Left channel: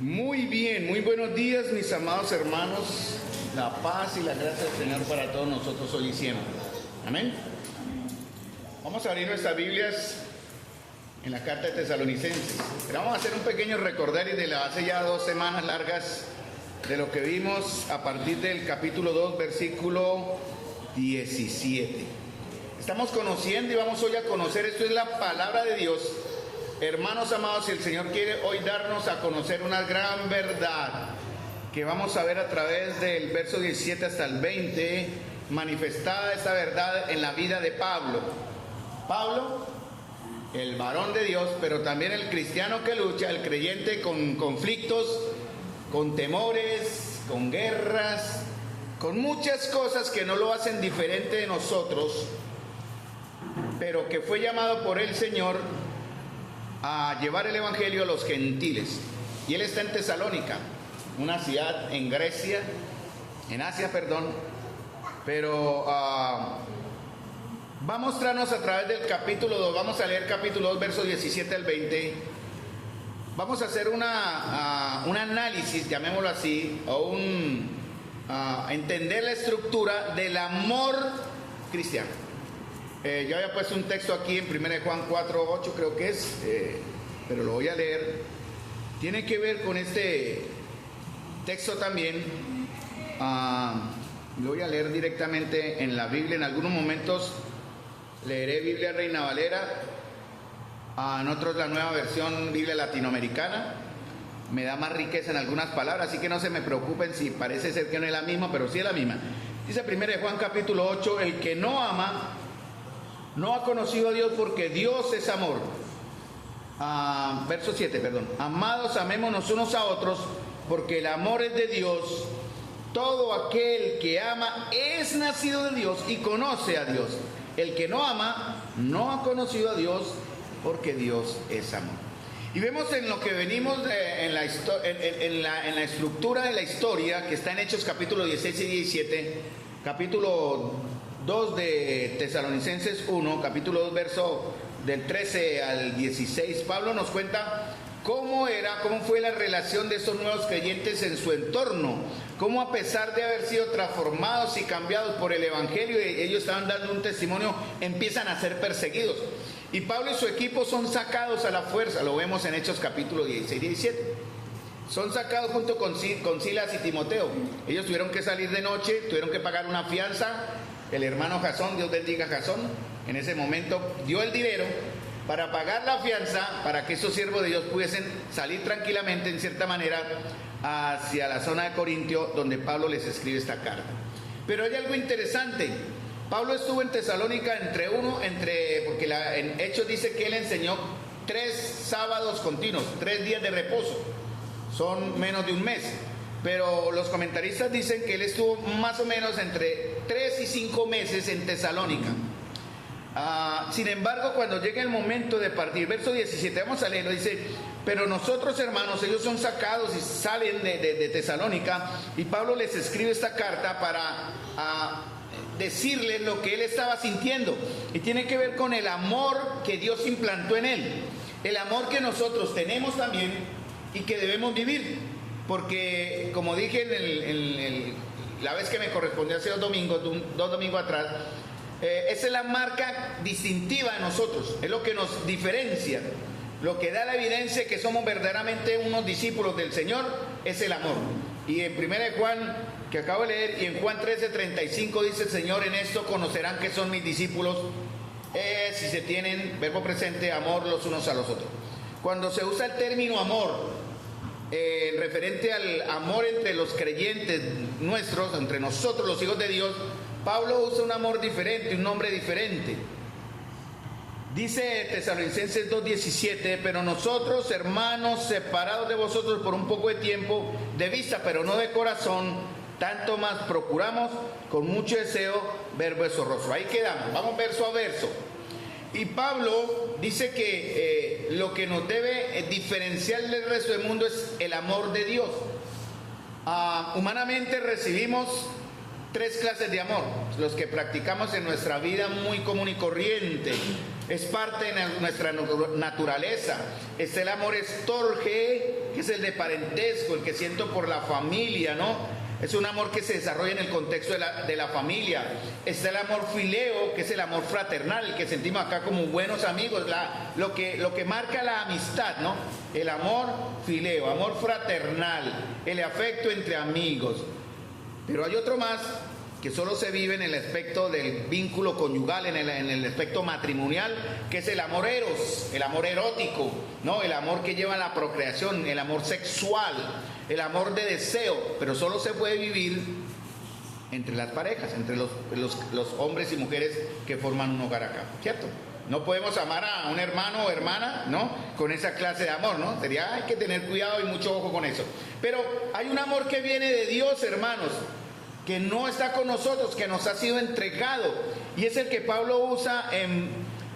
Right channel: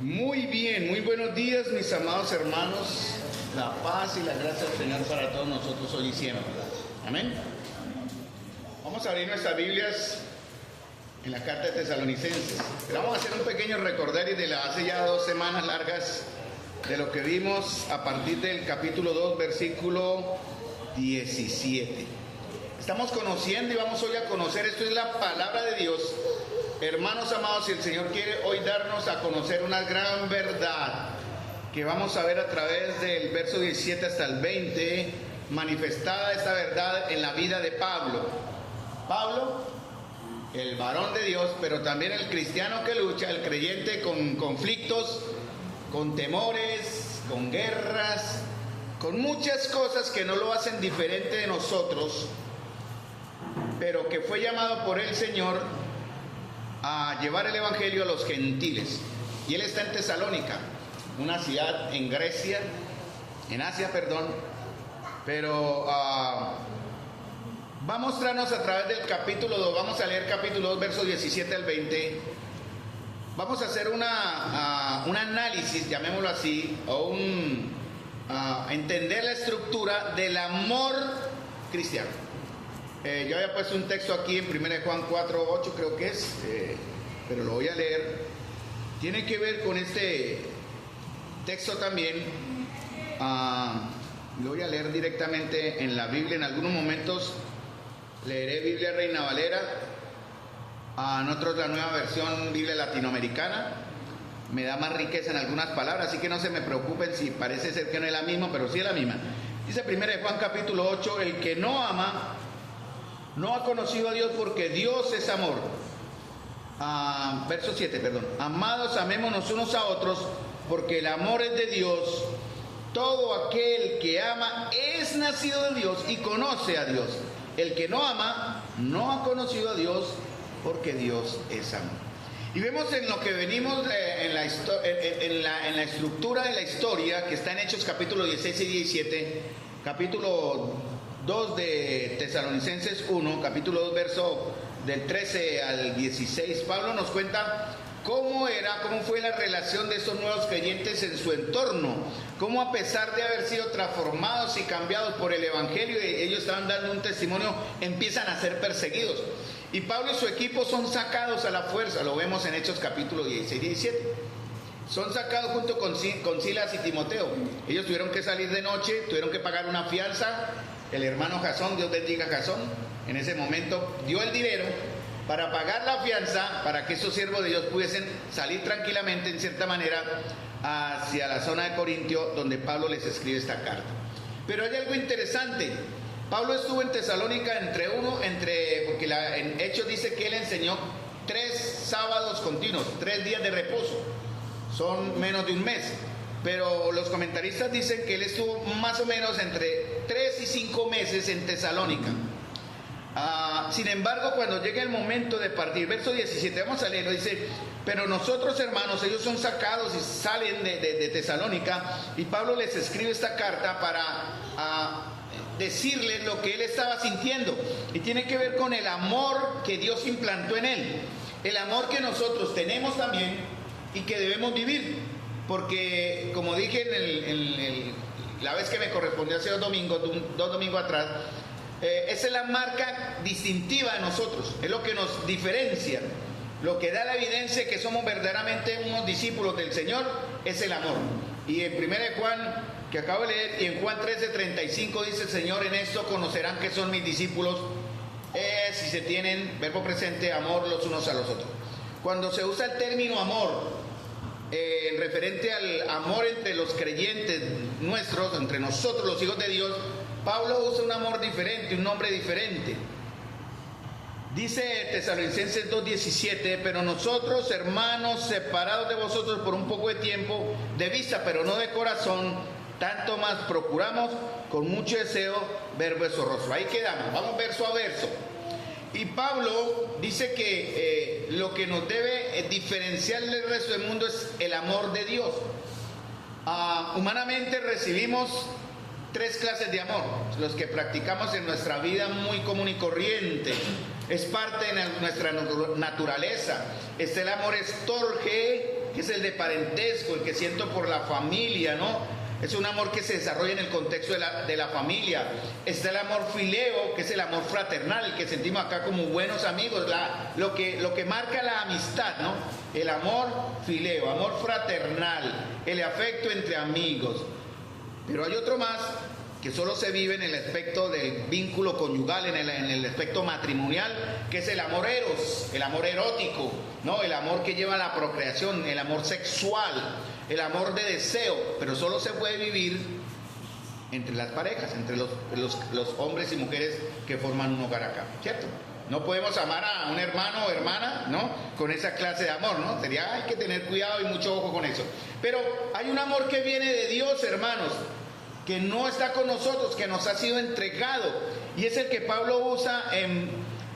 Muy bien, muy buenos días mis amados hermanos, la paz y la gracia del Señor para todos nosotros hoy y siempre. Amén. Vamos a abrir nuestras Biblias en la carta de Tesalonicenses. Pero vamos a hacer un pequeño recordario de hace ya 2 semanas largas de lo que vimos a partir del capítulo 2, versículo 17. Estamos conociendo y vamos hoy a conocer, esto es la palabra de Dios. Hermanos amados, si el Señor quiere hoy darnos a conocer una gran verdad que vamos a ver a través del verso 17 hasta el 20, manifestada esta verdad en la vida de Pablo. Pablo, el varón de Dios, pero también el cristiano que lucha, el creyente con conflictos, con temores, con guerras, con muchas cosas que no lo hacen diferente de nosotros, pero que fue llamado por el Señor a llevar el evangelio a los gentiles. Y él está en Tesalónica, una ciudad en Grecia, en Asia, pero va a mostrarnos a través del capítulo 2, vamos a leer capítulo 2, versos 17 al 20, vamos a hacer un análisis, llamémoslo así, o entender la estructura del amor cristiano. Yo había puesto un texto aquí en 1 Juan 4, 8 creo que es, pero lo voy a leer. Tiene que ver con este texto también. Lo voy a leer directamente en la Biblia. En algunos momentos leeré Biblia Reina Valera, en otros la nueva versión Biblia latinoamericana. Me da más riqueza en algunas palabras, así que no se me preocupen si parece ser que no es la misma, pero sí es la misma. Dice 1 Juan capítulo 8, el que no ama no ha conocido a Dios, porque Dios es amor. Verso 7, amados, amémonos unos a otros, porque el amor es de Dios. Todo aquel que ama es nacido de Dios y conoce a Dios. El que no ama no ha conocido a Dios, porque Dios es amor. Y vemos en lo que venimos en la estructura de la historia que está en Hechos capítulo 16 y 17, capítulo 2 de Tesalonicenses 1, capítulo 2, verso del 13 al 16, Pablo nos cuenta cómo fue la relación de estos nuevos creyentes en su entorno, cómo a pesar de haber sido transformados y cambiados por el evangelio, y ellos estaban dando un testimonio, empiezan a ser perseguidos. Y Pablo y su equipo son sacados a la fuerza, lo vemos en Hechos capítulo 16 y 17. Son sacados junto con Silas y Timoteo. Ellos tuvieron que salir de noche, tuvieron que pagar una fianza. El hermano Jasón, Dios bendiga a Jasón, en ese momento dio el dinero para pagar la fianza, para que esos siervos de Dios pudiesen salir tranquilamente, en cierta manera, hacia la zona de Corintio, donde Pablo les escribe esta carta. Pero hay algo interesante. Pablo estuvo en Tesalónica porque en Hechos dice que él enseñó 3 sábados continuos, 3 días de reposo. Son menos de un mes. Pero los comentaristas dicen que él estuvo más o menos entre 3 y 5 meses en Tesalónica. Sin embargo, cuando llega el momento de partir, verso 17, vamos a leerlo, dice: pero nosotros, hermanos, ellos son sacados y salen de Tesalónica, y Pablo les escribe esta carta para decirles lo que él estaba sintiendo, y tiene que ver con el amor que Dios implantó en él, el amor que nosotros tenemos también y que debemos vivir. Porque, como dije la vez que me correspondió hace 2 domingos atrás, esa es la marca distintiva de nosotros, es lo que nos diferencia, lo que da la evidencia de que somos verdaderamente unos discípulos del Señor, es el amor. Y en 1 Juan, que acabo de leer, y en Juan 13:35 dice el Señor: en esto conocerán que son mis discípulos, si se tienen, verbo presente, amor los unos a los otros. Cuando se usa el término amor, referente al amor entre los creyentes nuestros, entre nosotros los hijos de Dios, Pablo usa un amor diferente, un nombre diferente. Dice Tesalonicenses 2:17: pero nosotros, hermanos, separados de vosotros por un poco de tiempo, de vista pero no de corazón, tanto más procuramos con mucho deseo ver vuestro rostro. Ahí quedamos, vamos verso a verso. Y Pablo dice que lo que nos debe diferenciar del resto del mundo es el amor de Dios. Humanamente recibimos 3 clases de amor, los que practicamos en nuestra vida muy común y corriente. es parte de nuestra naturaleza. Está el amor estorge, que es el de parentesco, el que siento por la familia, ¿no? Es un amor que se desarrolla en el contexto de la familia. Está el amor fileo, que es el amor fraternal, el que sentimos acá como buenos amigos, lo que marca la amistad, ¿no? El amor fileo, amor fraternal, el afecto entre amigos. Pero hay otro más que solo se vive en el aspecto del vínculo conyugal, en el aspecto matrimonial, que es el amor eros, el amor erótico, ¿no? El amor que lleva a la procreación, el amor sexual, el amor de deseo, pero solo se puede vivir entre las parejas, entre los hombres y mujeres que forman un hogar acá, ¿cierto? No podemos amar a un hermano o hermana, ¿no? Con esa clase de amor, ¿no? Hay que tener cuidado y mucho ojo con eso. Pero hay un amor que viene de Dios, hermanos, que no está con nosotros, que nos ha sido entregado, y es el que Pablo usa en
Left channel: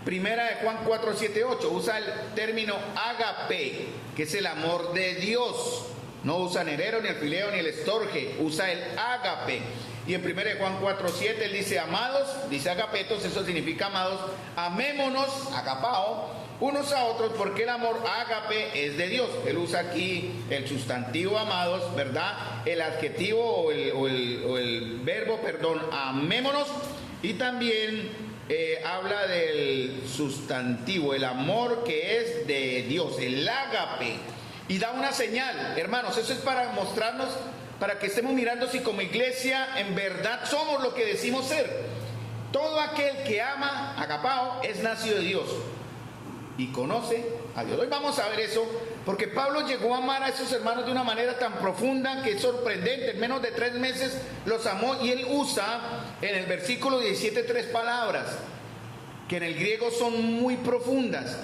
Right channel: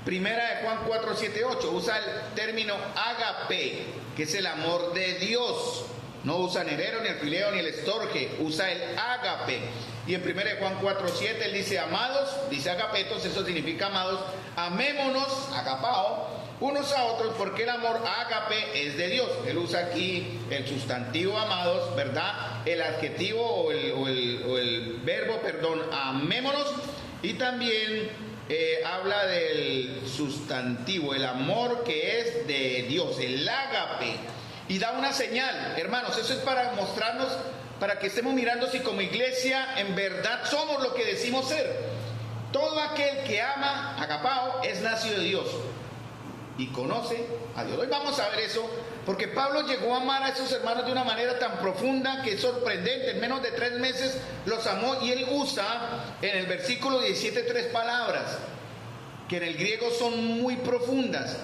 Primera de Juan 4, 7, 8, usa el término ágape, que es el amor de Dios. No usa ni el ero, ni el fileo, ni el estorge, usa el ágape. Y en 1 Juan 4, 7 él dice, amados, dice agapetos, eso significa amados, amémonos, agapao, unos a otros, porque el amor ágape es de Dios. Él usa aquí el sustantivo amados, ¿verdad? El adjetivo o el verbo, perdón, amémonos, y también habla del sustantivo, el amor que es de Dios, el ágape. Y da una señal, hermanos, eso es para mostrarnos, para que estemos mirando si como iglesia en verdad somos lo que decimos ser. Todo aquel que ama, agapao, es nacido de Dios y conoce a Dios. Hoy vamos a ver eso, porque Pablo llegó a amar a esos hermanos de una manera tan profunda que es sorprendente. En menos de 3 meses los amó, y él usa en el versículo 17 3 palabras que en el griego son muy profundas.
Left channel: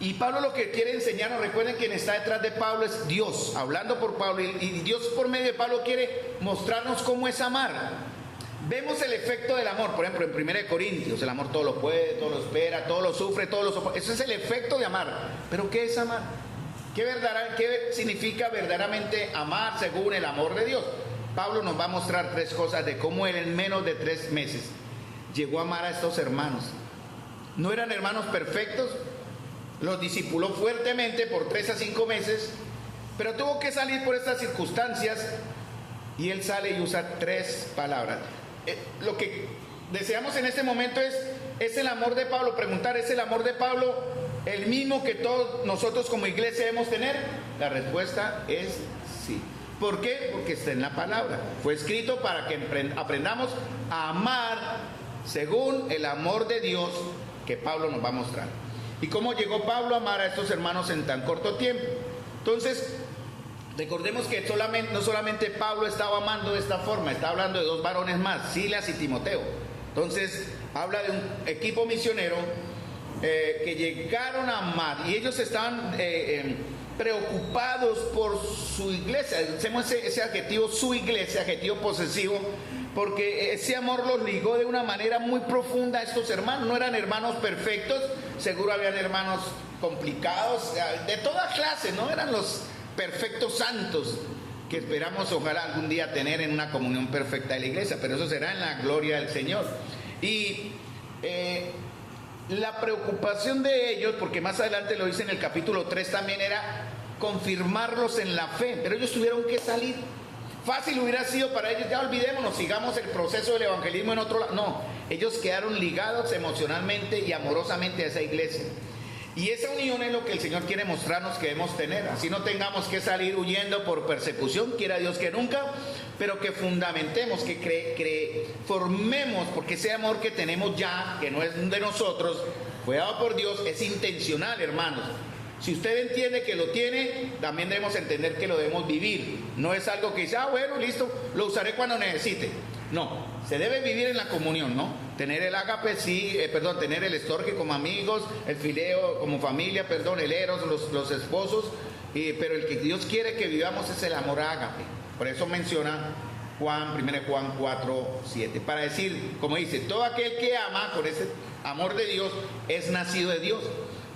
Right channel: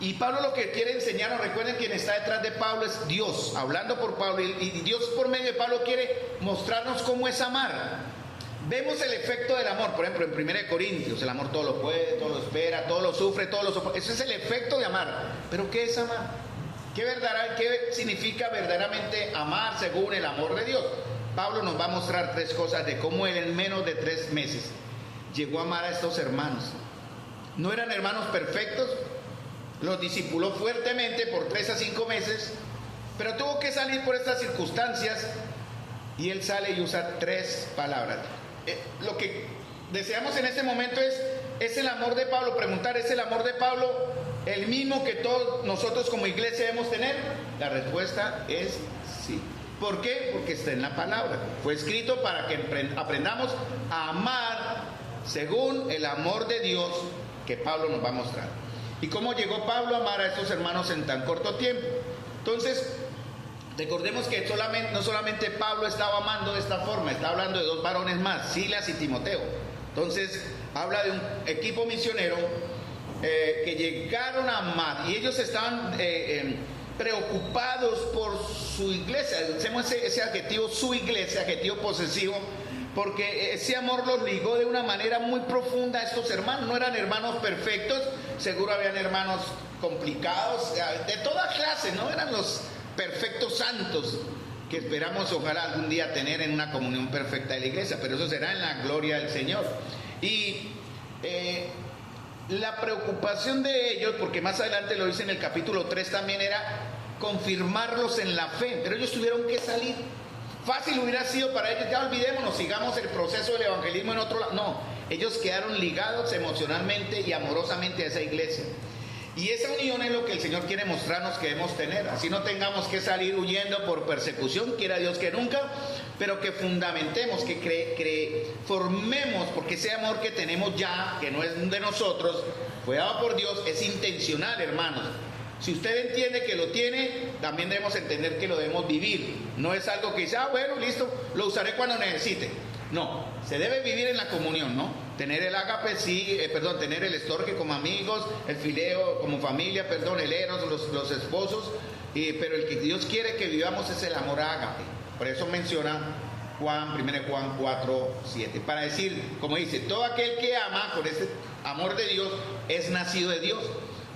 Y Pablo lo que quiere enseñarnos, recuerden, quien está detrás de Pablo es Dios, hablando por Pablo, y Dios por medio de Pablo quiere mostrarnos cómo es amar. Vemos el efecto del amor, por ejemplo, en 1 Corintios, el amor todo lo puede, todo lo espera, todo lo sufre, todo lo soporta. Ese es el efecto de amar. ¿Pero qué es amar? ¿Qué significa verdaderamente amar según el amor de Dios? Pablo nos va a mostrar 3 cosas de cómo él en menos de 3 meses llegó a amar a estos hermanos. No eran hermanos perfectos, los discipuló fuertemente por 3 a 5 meses, pero tuvo que salir por estas circunstancias, y él sale y usa 3 palabras. Lo que deseamos en este momento es el amor de Pablo. Preguntar, ¿es el amor de Pablo el mismo que todos nosotros como iglesia debemos tener? La respuesta es sí. ¿Por qué? Porque está en la palabra. Fue escrito para que aprendamos a amar según el amor de Dios que Pablo nos va a mostrar. ¿Y cómo llegó Pablo a amar a estos hermanos en tan corto tiempo? Entonces, recordemos que no solamente Pablo estaba amando de esta forma, está hablando de 2 varones más, Silas y Timoteo. Entonces, habla de un equipo misionero que llegaron a amar, y ellos estaban preocupados por su iglesia. Hacemos ese adjetivo, su iglesia, adjetivo posesivo, porque ese amor los ligó de una manera muy profunda a estos hermanos. No eran hermanos perfectos, seguro habían hermanos complicados, de toda clase, no eran los perfectos santos que esperamos ojalá algún día tener en una comunión perfecta de la iglesia, pero eso será en la gloria del Señor. Y la preocupación de ellos, porque más adelante lo dice en el capítulo 3 también, era confirmarlos en la fe, pero ellos tuvieron que salir. Fácil hubiera sido para ellos, ya olvidémonos, sigamos el proceso del evangelismo en otro lado. No, ellos quedaron ligados emocionalmente y amorosamente a esa iglesia. Y esa unión es lo que el Señor quiere mostrarnos que debemos tener. Así no tengamos que salir huyendo por persecución, quiera Dios que nunca, pero que fundamentemos, que formemos, porque ese amor que tenemos ya, que no es de nosotros, fue dado por Dios, es intencional, hermanos. Si usted entiende que lo tiene, también debemos entender que lo debemos vivir. No es algo que dice, bueno, listo, lo usaré cuando necesite. No, se debe vivir en la comunión, ¿no? Tener el ágape, sí, tener el estorge como amigos, el fileo como familia, el eros, los esposos, pero el que Dios quiere que vivamos es el amor ágape. Por eso menciona 1 Juan 4, 7, para decir, como dice, todo aquel que ama con ese amor de Dios es nacido de Dios.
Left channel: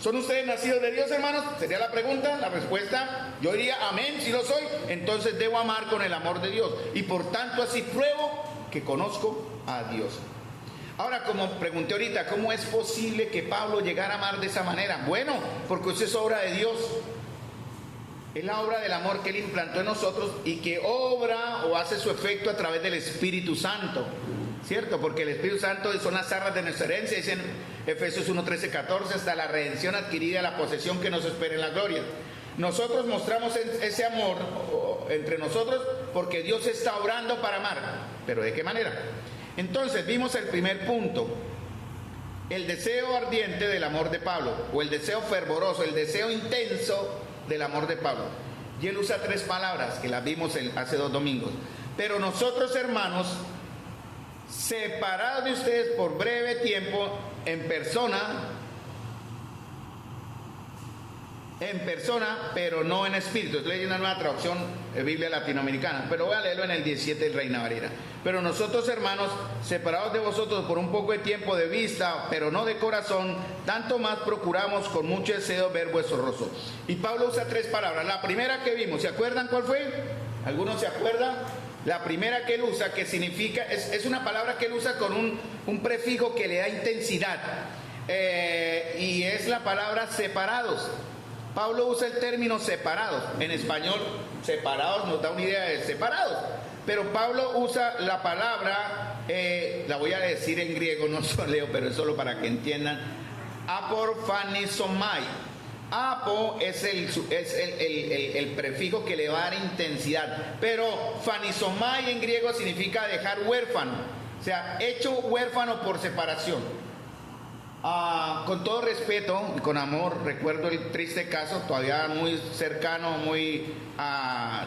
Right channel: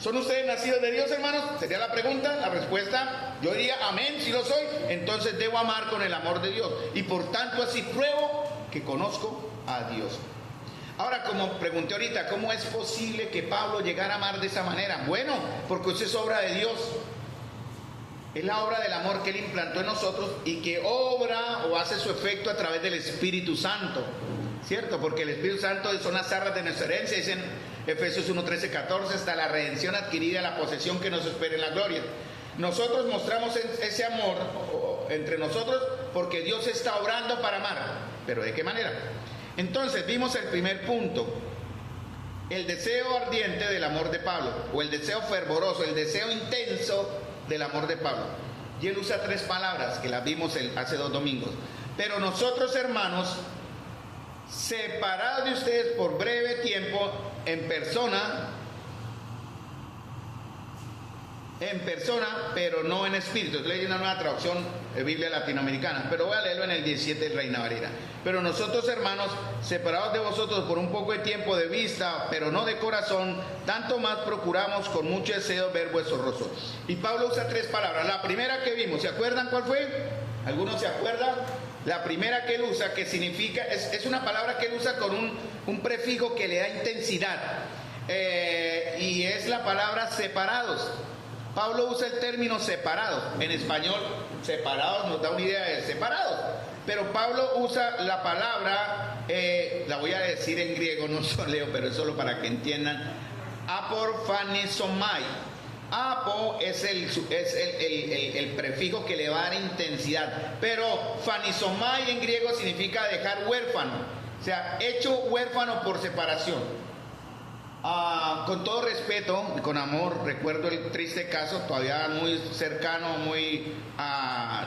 ¿Son ustedes nacidos de Dios, hermanos? Sería la pregunta, la respuesta, yo diría amén, si lo soy, entonces debo amar con el amor de Dios, y por tanto así pruebo que conozco a Dios. Ahora, como pregunté ahorita, ¿cómo es posible que Pablo llegara a amar de esa manera? Bueno, porque eso es obra de Dios. Es la obra del amor que Él implantó en nosotros y que obra o hace su efecto a través del Espíritu Santo, ¿cierto? Porque el Espíritu Santo son las arras de nuestra herencia, dicen Efesios 1, 13, 14, hasta la redención adquirida, la posesión que nos espera en la gloria. Nosotros mostramos ese amor entre nosotros porque Dios está obrando para amar. ¿Pero de qué manera? Entonces vimos el primer punto, el deseo ardiente del amor de Pablo, o el deseo fervoroso, el deseo intenso del amor de Pablo. Y él usa 3 palabras que las vimos hace 2 domingos. Pero nosotros, hermanos, separados de ustedes por breve tiempo, en persona, pero no en espíritu. Estoy leyendo una nueva traducción de Biblia latinoamericana, pero voy a leerlo en el 17 de Reina Valera. Pero nosotros, hermanos, separados de vosotros por un poco de tiempo de vista, pero no de corazón, tanto más procuramos con mucho deseo ver vuestro rostro. Y Pablo usa 3 palabras. La primera que vimos, ¿se acuerdan cuál fue? ¿Algunos se acuerdan? La primera que él usa, que significa, es una palabra que él usa con un prefijo que le da intensidad, y es la palabra separados. Pablo usa el término separados. En español, separados nos da una idea de separados. Pero Pablo usa la palabra, la voy a decir en griego, no se leo, pero es solo para que entiendan. Aporphanisomai. Apo es el prefijo que le va a dar intensidad. Pero phanisomai en griego significa dejar huérfano. O sea, hecho huérfano por separación. Con todo respeto, con amor, recuerdo el triste caso, todavía muy cercano,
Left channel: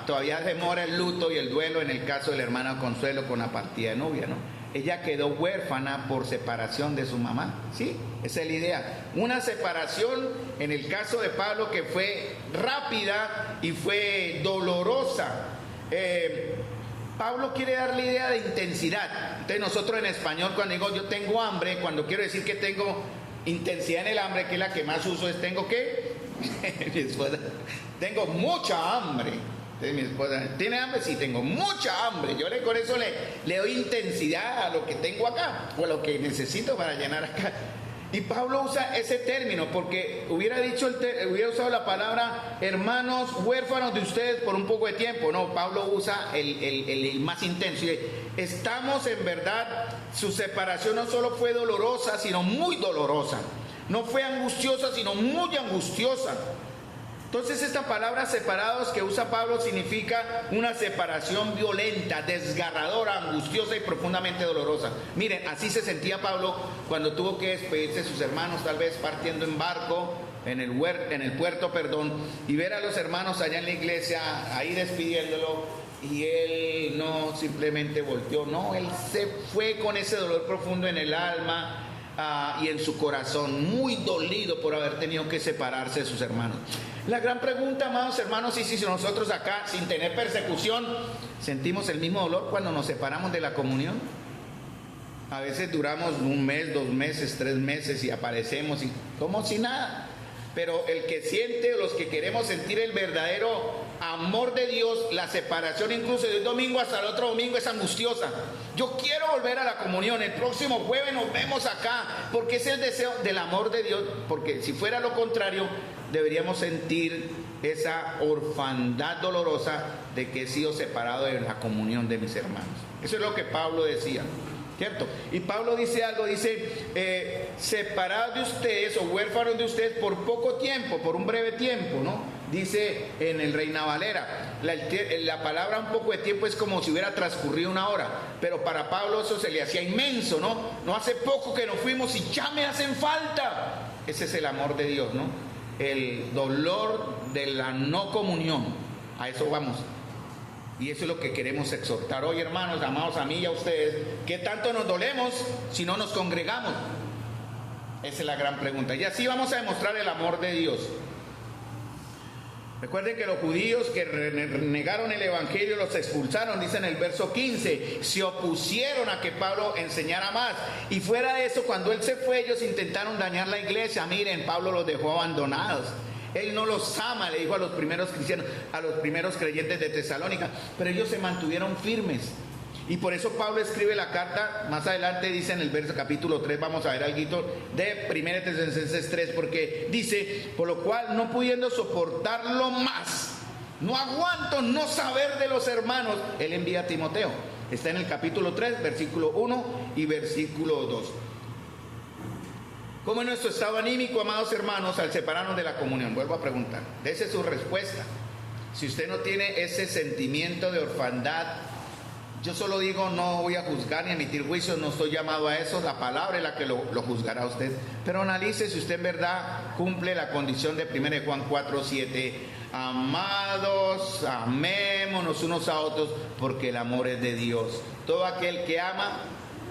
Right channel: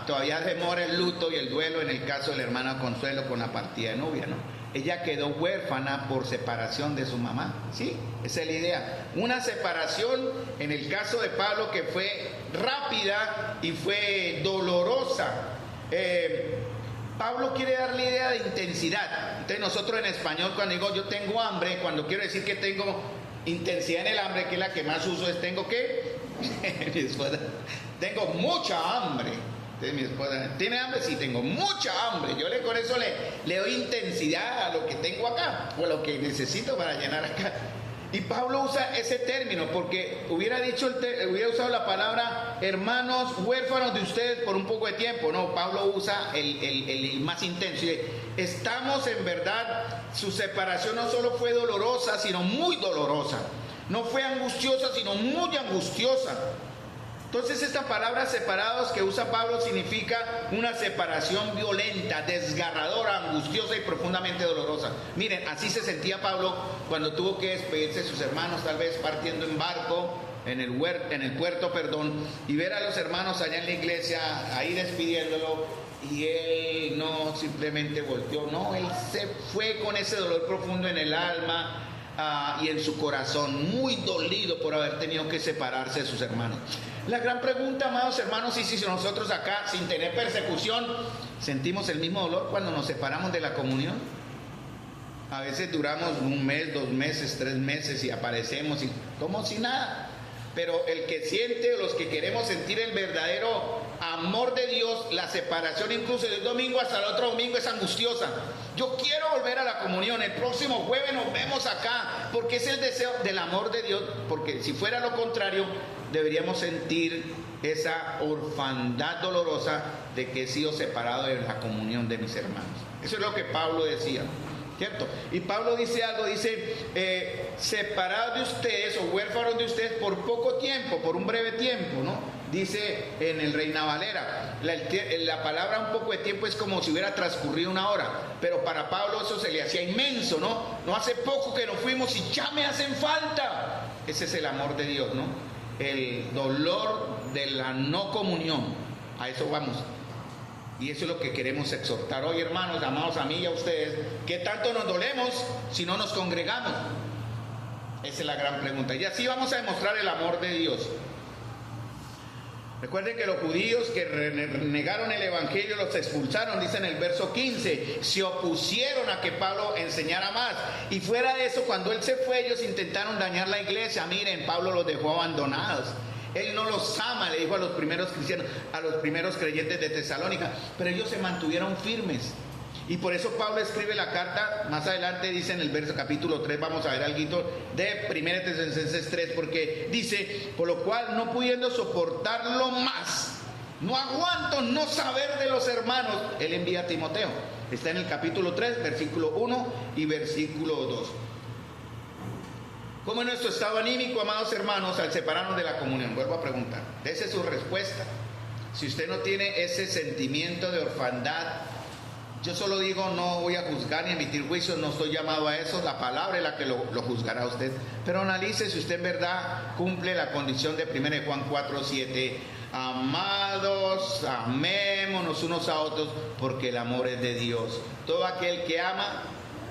todavía demora el luto y el duelo en el caso de la hermana Consuelo con la partida de novia, ¿no? Ella quedó huérfana por separación de su mamá, ¿sí? Esa es la idea. Una separación, en el caso de Pablo, que fue rápida y fue dolorosa. Pablo quiere dar la idea de intensidad. Entonces nosotros en español, cuando digo yo tengo hambre, cuando quiero decir que tengo intensidad en el hambre, que es la que más uso, es tengo ¿qué? Mi esposa, tengo mucha hambre. Entonces mi esposa, ¿tiene hambre? Sí, tengo mucha hambre. Yo con eso le doy intensidad a lo que tengo acá, o a lo que necesito para llenar acá. Y Pablo usa ese término porque hubiera usado la palabra hermanos huérfanos de ustedes por un poco de tiempo. No, Pablo usa el más intenso. Y estamos en verdad, su separación no solo fue dolorosa, sino muy dolorosa. No fue angustiosa, sino muy angustiosa. Entonces esta palabra separados que usa Pablo significa una separación violenta, desgarradora, angustiosa y profundamente dolorosa. Miren, así se sentía Pablo cuando tuvo que despedirse de sus hermanos, tal vez partiendo en barco, en el puerto, y ver a los hermanos allá en la iglesia, ahí despidiéndolo, y él no simplemente volteó, no, él se fue con ese dolor profundo en el alma, y en su corazón, muy dolido por haber tenido que separarse de sus hermanos. La gran pregunta, amados hermanos, es si nosotros acá, sin tener persecución, sentimos el mismo dolor cuando nos separamos de la comunión. A veces duramos 1 mes, 2 meses, 3 meses y aparecemos y como si nada. Pero el que siente, o los que queremos sentir el verdadero amor de Dios, la separación incluso de un domingo hasta el otro domingo es angustiosa. Yo quiero volver a la comunión, el próximo jueves nos vemos acá, porque es el deseo del amor de Dios, porque si fuera lo contrario, deberíamos sentir esa orfandad dolorosa de que he sido separado de la comunión de mis hermanos. Eso es lo que Pablo decía, ¿cierto? Y Pablo dice algo, dice, separados de ustedes o huérfanos de ustedes por poco tiempo, por un breve tiempo, ¿no? Dice en el Reina Valera, la palabra un poco de tiempo es como si hubiera transcurrido 1 hora, pero para Pablo eso se le hacía inmenso, ¿no? No hace poco que nos fuimos y ya me hacen falta. Ese es el amor de Dios, ¿no? El dolor de la no comunión, a eso vamos. Y eso es lo que queremos exhortar hoy, hermanos, amados a mí y a ustedes. ¿Qué tanto nos dolemos si no nos congregamos? Esa es la gran pregunta. Y así vamos a demostrar el amor de Dios. Recuerden que los judíos que negaron el evangelio los expulsaron, dice en el verso 15, se opusieron a que Pablo enseñara más. Y fuera de eso, cuando él se fue, ellos intentaron dañar la iglesia. Miren, Pablo los dejó abandonados. Él no los ama, le dijo a los primeros cristianos, a los primeros creyentes de Tesalónica, pero ellos se mantuvieron firmes. Y por eso Pablo escribe la carta, más adelante dice en el verso capítulo 3, vamos a ver algo de 1 Tesalonicenses 3, porque dice, por lo cual no pudiendo soportarlo más, no aguanto no saber de los hermanos, él envía a Timoteo. Está en el capítulo 3, versículo 1 y versículo 2. ¿Cómo es nuestro estado anímico, amados hermanos, al separarnos de la comunión? Vuelvo a preguntar, esa es su respuesta. Si usted no tiene ese sentimiento de orfandad, yo solo digo, no voy a juzgar ni emitir juicios, no estoy llamado a eso, la palabra es la que lo juzgará a usted. Pero analice si usted en verdad cumple la condición de 1 Juan 4, 7. Amados, amémonos unos a otros, porque el amor es de Dios. Todo aquel que ama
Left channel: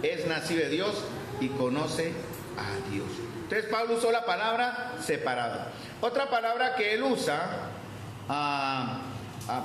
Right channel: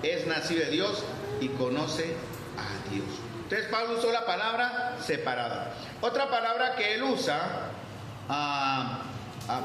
es nacido de Dios y conoce a Dios. Entonces Pablo usó la palabra separado. Otra palabra que él usa,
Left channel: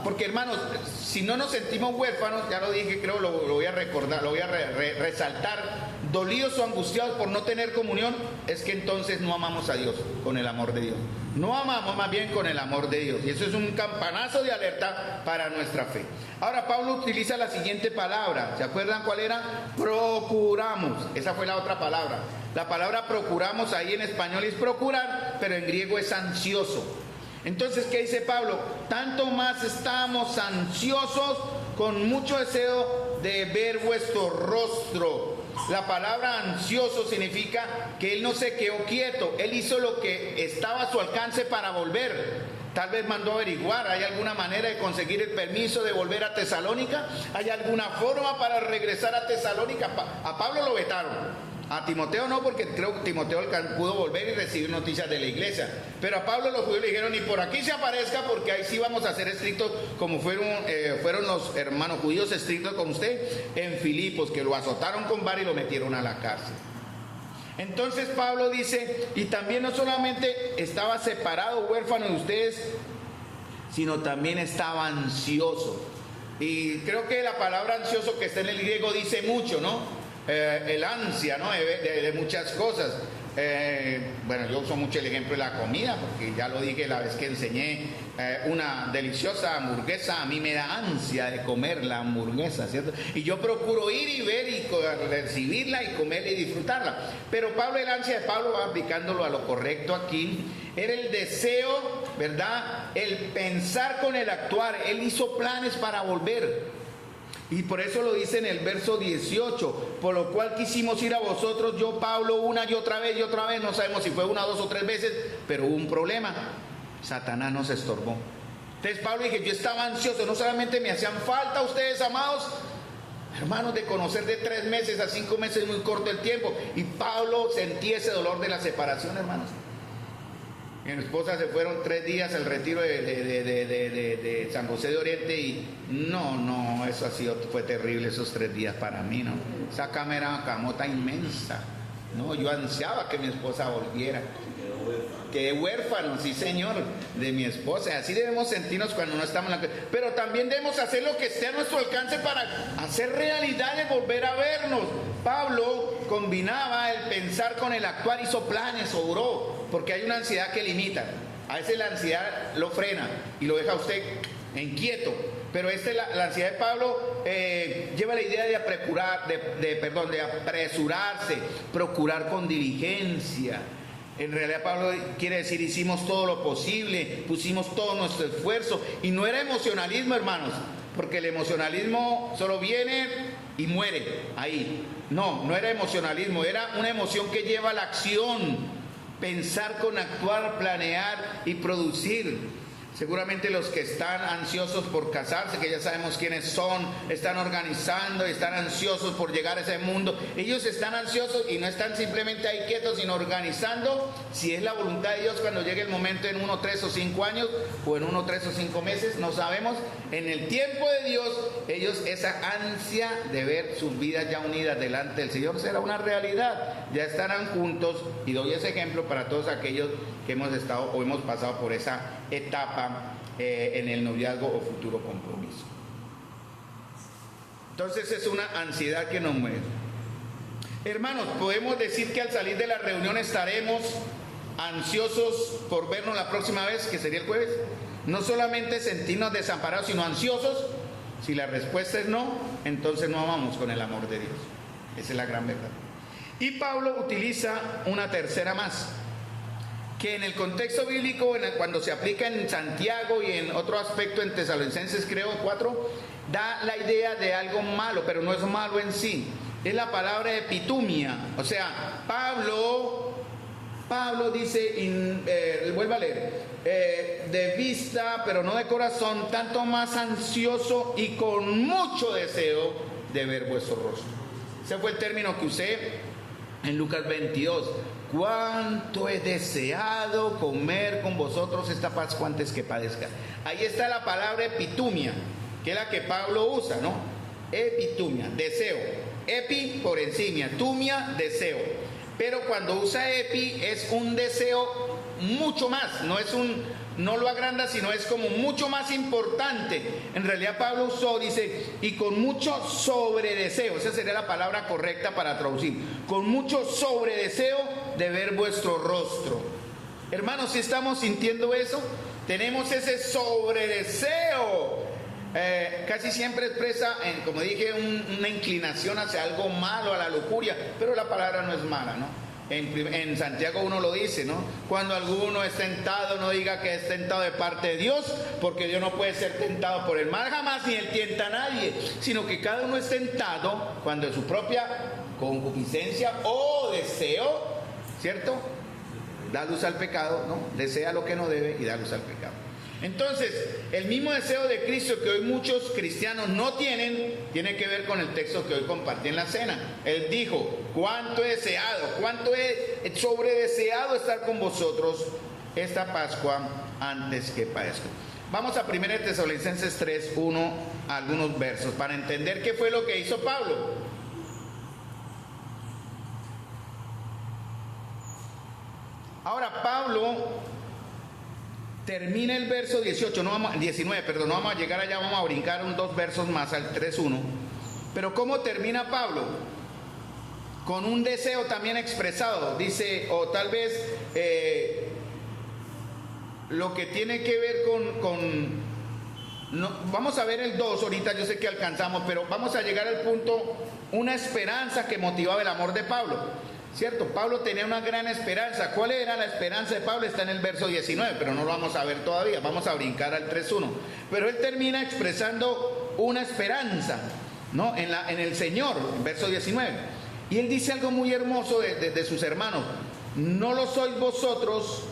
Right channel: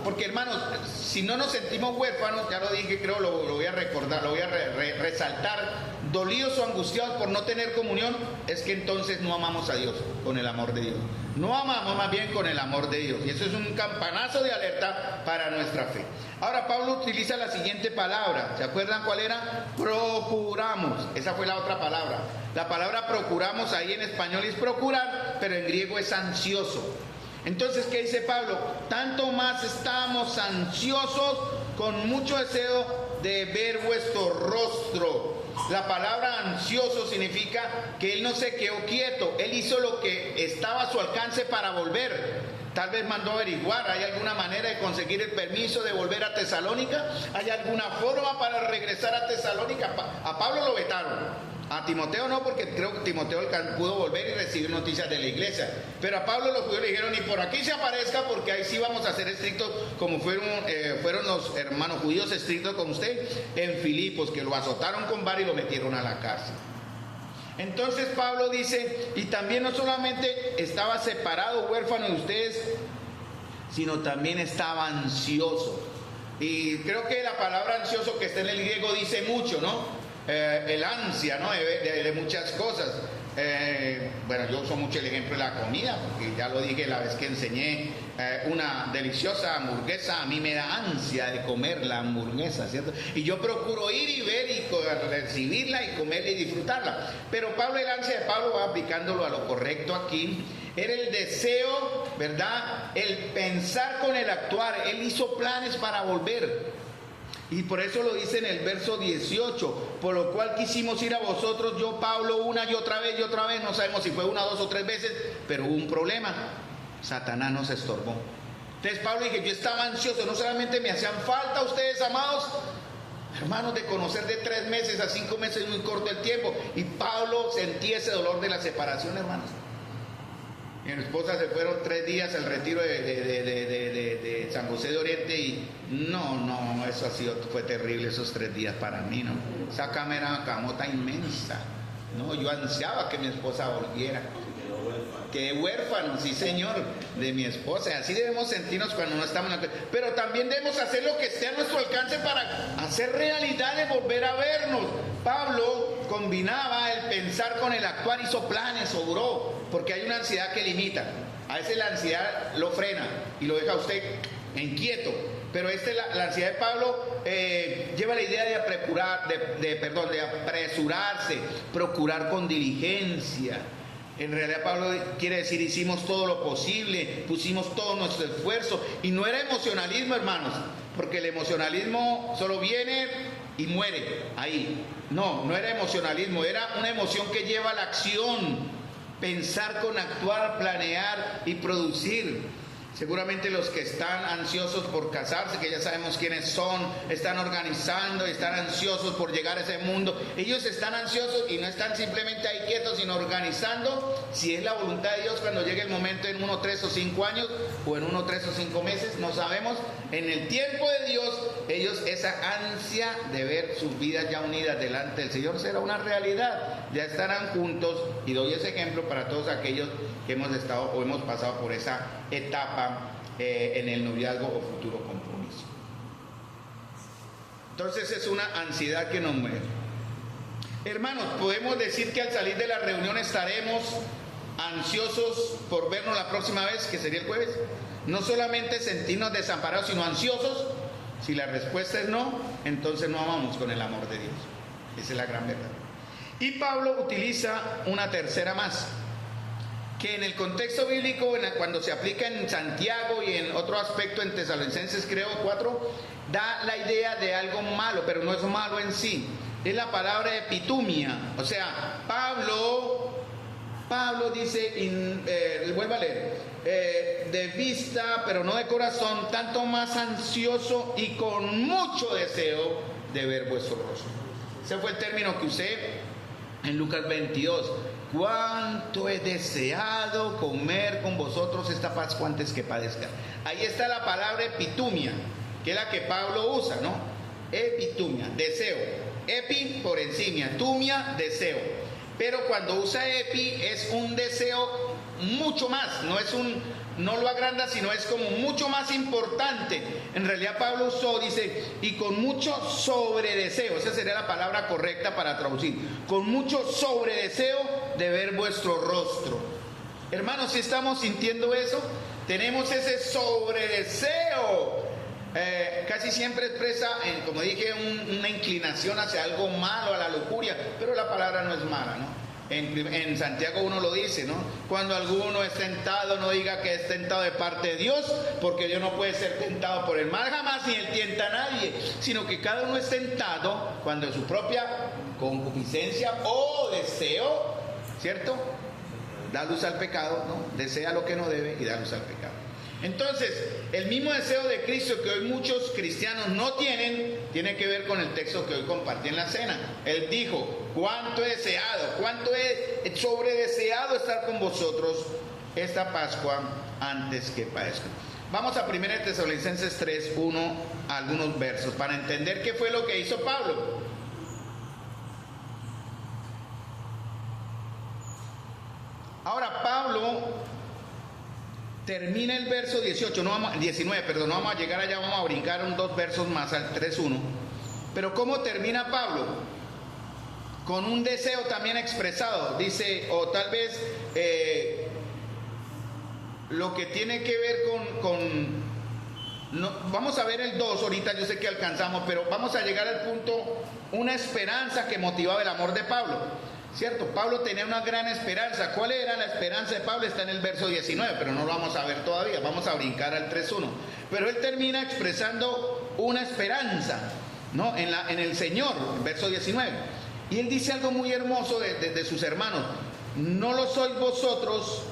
porque hermanos, si no nos sentimos huérfanos, ya lo dije, creo lo voy a recordar, lo voy a resaltar, dolidos o angustiados por no tener comunión, es que entonces no amamos a Dios con el amor de Dios. No amamos más bien con el amor de Dios. Y eso es un campanazo de alerta para nuestra fe. Ahora Pablo utiliza la siguiente palabra. ¿Se acuerdan cuál era? Procuramos. Esa fue la otra palabra. La palabra procuramos ahí en español es procurar, pero en griego es ansioso. Entonces, ¿qué dice Pablo? Tanto más estamos ansiosos con mucho deseo de ver vuestro rostro. La palabra ansioso significa que él no se quedó quieto, él hizo lo que estaba a su alcance para volver. Tal vez mandó a averiguar, ¿hay alguna manera de conseguir el permiso de volver a Tesalónica? ¿Hay alguna forma para regresar a Tesalónica? A Pablo lo vetaron. A Timoteo no, porque creo que Timoteo pudo volver y recibir noticias de la iglesia. Pero a Pablo los judíos le dijeron, ni por aquí se aparezca, porque ahí sí vamos a ser estrictos, como fueron los hermanos judíos estrictos con usted en Filipos, que lo azotaron con vara y lo metieron a la cárcel. Entonces Pablo dice, y también no solamente estaba separado, huérfano de ustedes, sino también estaba ansioso. Y creo que la palabra ansioso que está en el griego dice mucho, ¿no? El ansia, ¿no? De muchas cosas. Bueno, yo uso mucho el ejemplo de la comida, porque ya lo dije la vez que enseñé, una deliciosa hamburguesa, a mí me da ansia de comer la hamburguesa, ¿cierto? Y yo procuro ir y ver y recibirla y comerla y disfrutarla. Pero Pablo, el ansia de Pablo, va aplicándolo a lo correcto aquí, era el deseo, ¿verdad? El pensar con el actuar. Él hizo planes para volver. Y por eso lo dice en el verso 18, por lo cual quisimos ir a vosotros, yo Pablo, una y otra vez, no sabemos si fue una, dos o tres veces, pero hubo un problema, Satanás nos estorbó. Entonces Pablo dije, yo estaba ansioso, no solamente me hacían falta ustedes, amados, hermanos, de conocer de 3 meses a 5 meses, muy corto el tiempo, y Pablo sentía ese dolor de la separación, hermanos. Mi esposa se fueron 3 días al retiro de San José de Oriente y no, eso fue terrible esos 3 días para mí, ¿no? Esa cama era una camota inmensa, ¿no? Yo ansiaba que mi esposa volviera. Qué huérfano, sí señor, de mi esposa. Así debemos sentirnos cuando no estamos en la... Pero también debemos hacer lo que esté a nuestro alcance para hacer realidad de volver a vernos. Pablo combinaba el pensar con el actuar, hizo planes, obró, porque hay una ansiedad que limita. A veces la ansiedad lo frena y lo deja a usted inquieto. Pero la ansiedad de Pablo lleva la idea de apresurarse, procurar con diligencia. En realidad Pablo quiere decir, hicimos todo lo posible, pusimos todo nuestro esfuerzo, y no era emocionalismo, hermanos, porque el emocionalismo solo viene y muere ahí. No era emocionalismo, era una emoción que lleva a la acción, pensar con actuar, planear y producir. Seguramente los que están ansiosos por casarse, que ya sabemos quiénes son, están organizando, están ansiosos por llegar a ese mundo. Ellos están ansiosos y no están simplemente ahí quietos, sino organizando, si es la voluntad de Dios, cuando llegue el momento en 1, 3 o 5 años, o en 1, 3 o 5 meses, no sabemos. En el tiempo de Dios, ellos, esa ansia de ver sus vidas ya unidas delante del Señor será una realidad. Ya estarán juntos, y doy ese ejemplo para todos aquellos que hemos estado o hemos pasado por esa etapa en el noviazgo o futuro compromiso. Entonces es una ansiedad que nos mueve. Hermanos, podemos decir que al salir de la reunión estaremos ansiosos por vernos la próxima vez, que sería el jueves. No solamente sentirnos desamparados, sino ansiosos. Si la respuesta es no, entonces no amamos con el amor de Dios. Esa es la gran verdad. Y Pablo utiliza una tercera más, que en el contexto bíblico, cuando se aplica en Santiago y en otro aspecto en Tesalonicenses, creo 4, da la idea de algo malo, pero no es malo en sí. Es la palabra epitumia. O sea, Pablo dice, vuelvo a leer, de vista, pero no de corazón, tanto más ansioso y con mucho deseo de ver vuestro rostro. Ese fue el término que usé en Lucas 22. Cuánto he deseado comer con vosotros esta Pascua antes que padezca. Ahí está la palabra epitumia, que es la que Pablo usa, ¿no? Epitumia, deseo. Epi por encima, tumia, deseo. Pero cuando usa epi es un deseo mucho más, no lo agranda, sino es como mucho más importante. En realidad Pablo usó, dice, y con mucho sobredeseo, esa sería la palabra correcta para traducir, con mucho sobredeseo de ver vuestro rostro. Hermanos, si estamos sintiendo eso, tenemos ese sobredeseo. Casi siempre expresa, como dije, una inclinación hacia algo malo, a la lujuria, pero la palabra no es mala, ¿no? En Santiago 1 lo dice, ¿no? Cuando alguno es tentado, no diga que es tentado de parte de Dios, porque Dios no puede ser tentado por el mal jamás, ni él tienta a nadie, sino que cada uno es tentado cuando su propia concupiscencia o deseo, ¿cierto?, da luz al pecado, ¿no? Desea lo que no debe y da luz al pecado. Entonces, el mismo deseo de Cristo que hoy muchos cristianos no tienen, tiene que ver con el texto que hoy compartí en la cena. Él dijo, cuánto he deseado, cuánto he sobredeseado estar con vosotros esta Pascua antes que padezca. Vamos a 1 Tesalonicenses 3:1, algunos versos, para entender qué fue lo que hizo Pablo. Ahora, Pablo termina el verso 19, no vamos a llegar allá, vamos a brincar 2 versos más al 3:1. Pero ¿cómo termina Pablo? Con un deseo también expresado, dice, o tal vez lo que tiene que ver vamos a ver el 2 ahorita, yo sé que alcanzamos, pero vamos a llegar al punto, una esperanza que motivaba el amor de Pablo. ¿Cierto? Pablo tenía una gran esperanza. ¿Cuál era la esperanza de Pablo? Está en el verso 19, pero no lo vamos a ver todavía. Vamos a brincar al 3:1. Pero él termina expresando una esperanza, ¿no? En el Señor, en verso 19. Y él dice algo muy hermoso de sus hermanos. No lo sois vosotros.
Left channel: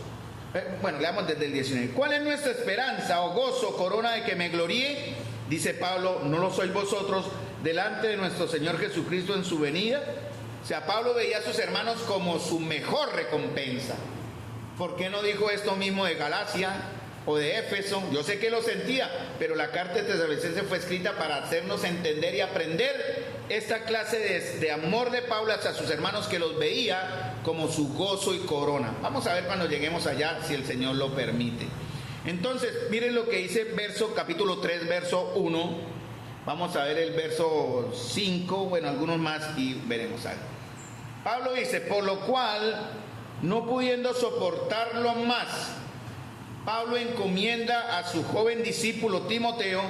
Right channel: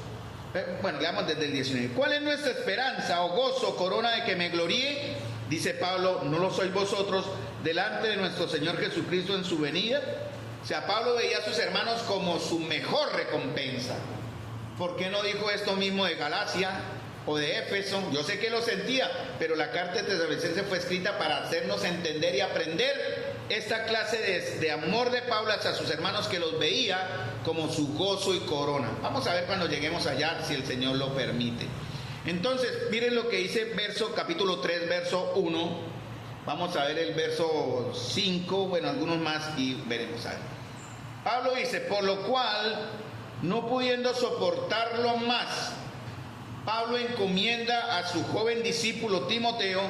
Bueno, leamos desde el 19. ¿Cuál es nuestra esperanza o gozo, corona de que me gloríe? Dice Pablo, no lo sois vosotros delante de nuestro Señor Jesucristo en su venida. O sea, Pablo veía a sus hermanos como su mejor recompensa. ¿Por qué no dijo esto mismo de Galacia o de Éfeso? Yo sé que lo sentía, pero la carta de Tesalonicenses fue escrita para hacernos entender y aprender esta clase de amor de Pablo hacia sus hermanos, que los veía como su gozo y corona. Vamos a ver cuando lleguemos allá, si el Señor lo permite. Entonces, miren lo que dice capítulo 3, verso 1. Vamos a ver el verso 5, bueno, algunos más y veremos algo. Pablo dice, por lo cual, no pudiendo soportarlo más, Pablo encomienda a su joven discípulo Timoteo,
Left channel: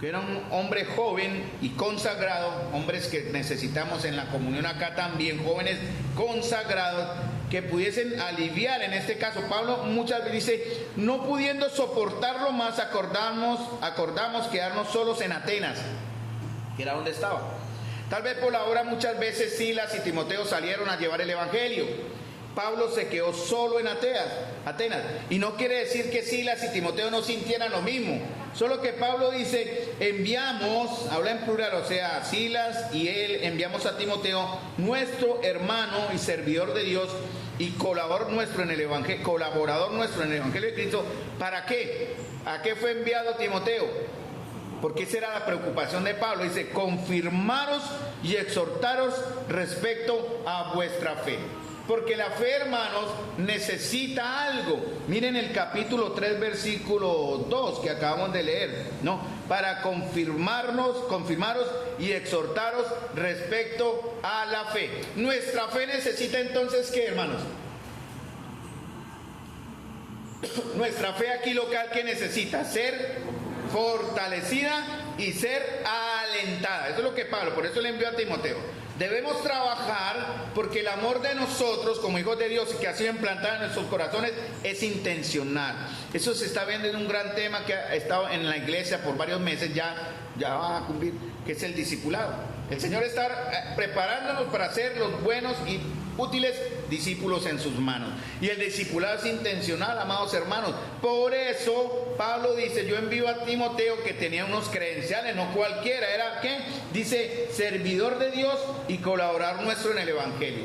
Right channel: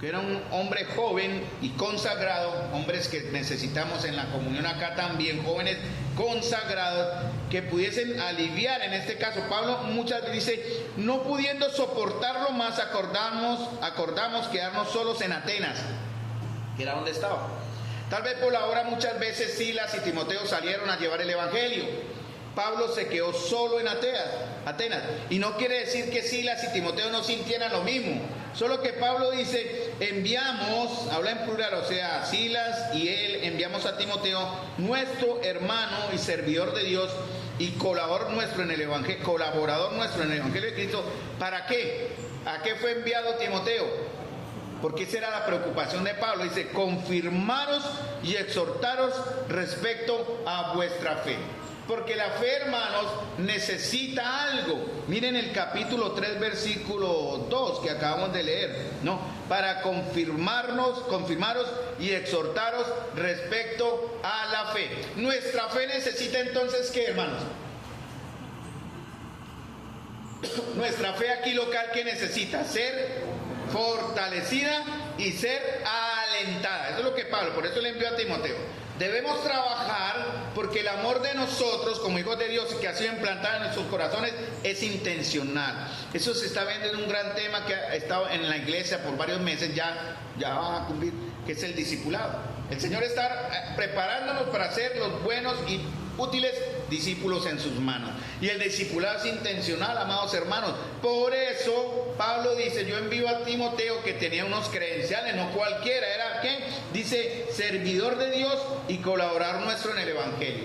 que era un hombre joven y consagrado, hombres que necesitamos en la comunión acá también, jóvenes consagrados, que pudiesen aliviar, en este caso Pablo muchas veces dice, no pudiendo soportarlo más, acordamos quedarnos solos en Atenas, que era donde estaba. Tal vez por la hora muchas veces Silas y Timoteo salieron a llevar el evangelio. Pablo se quedó solo en Atenas. Y no quiere decir que Silas y Timoteo no sintieran lo mismo. Solo que Pablo dice, enviamos, habla en plural, o sea, Silas y él, enviamos a Timoteo, nuestro hermano y servidor de Dios y colaborador nuestro en el evangelio de Cristo. ¿Para qué? ¿A qué fue enviado Timoteo? Porque esa era la preocupación de Pablo. Dice, confirmaros y exhortaros respecto a vuestra fe. Porque la fe, hermanos, necesita algo. Miren el capítulo 3, versículo 2 que acabamos de leer, ¿no? Para confirmaros y exhortaros respecto a la fe. Nuestra fe necesita entonces, ¿qué, hermanos? Nuestra fe aquí local, ¿qué necesita? Ser fortalecida y ser alentada. Eso es lo que Pablo, por eso le envió a Timoteo. Debemos trabajar porque el amor de nosotros como hijos de Dios que ha sido implantado en nuestros corazones es intencional. Eso se está viendo en un gran tema que ha estado en la iglesia por varios meses, ya va a cumplir, que es el discipulado. El Señor está preparándonos para ser los buenos y útiles discípulos en sus manos. Y el discipulado es intencional, amados hermanos. Por eso Pablo dice, yo envío a Timoteo, que tenía unos credenciales, no cualquiera, era ¿qué? Dice, servidor de Dios y colaborador nuestro en el Evangelio.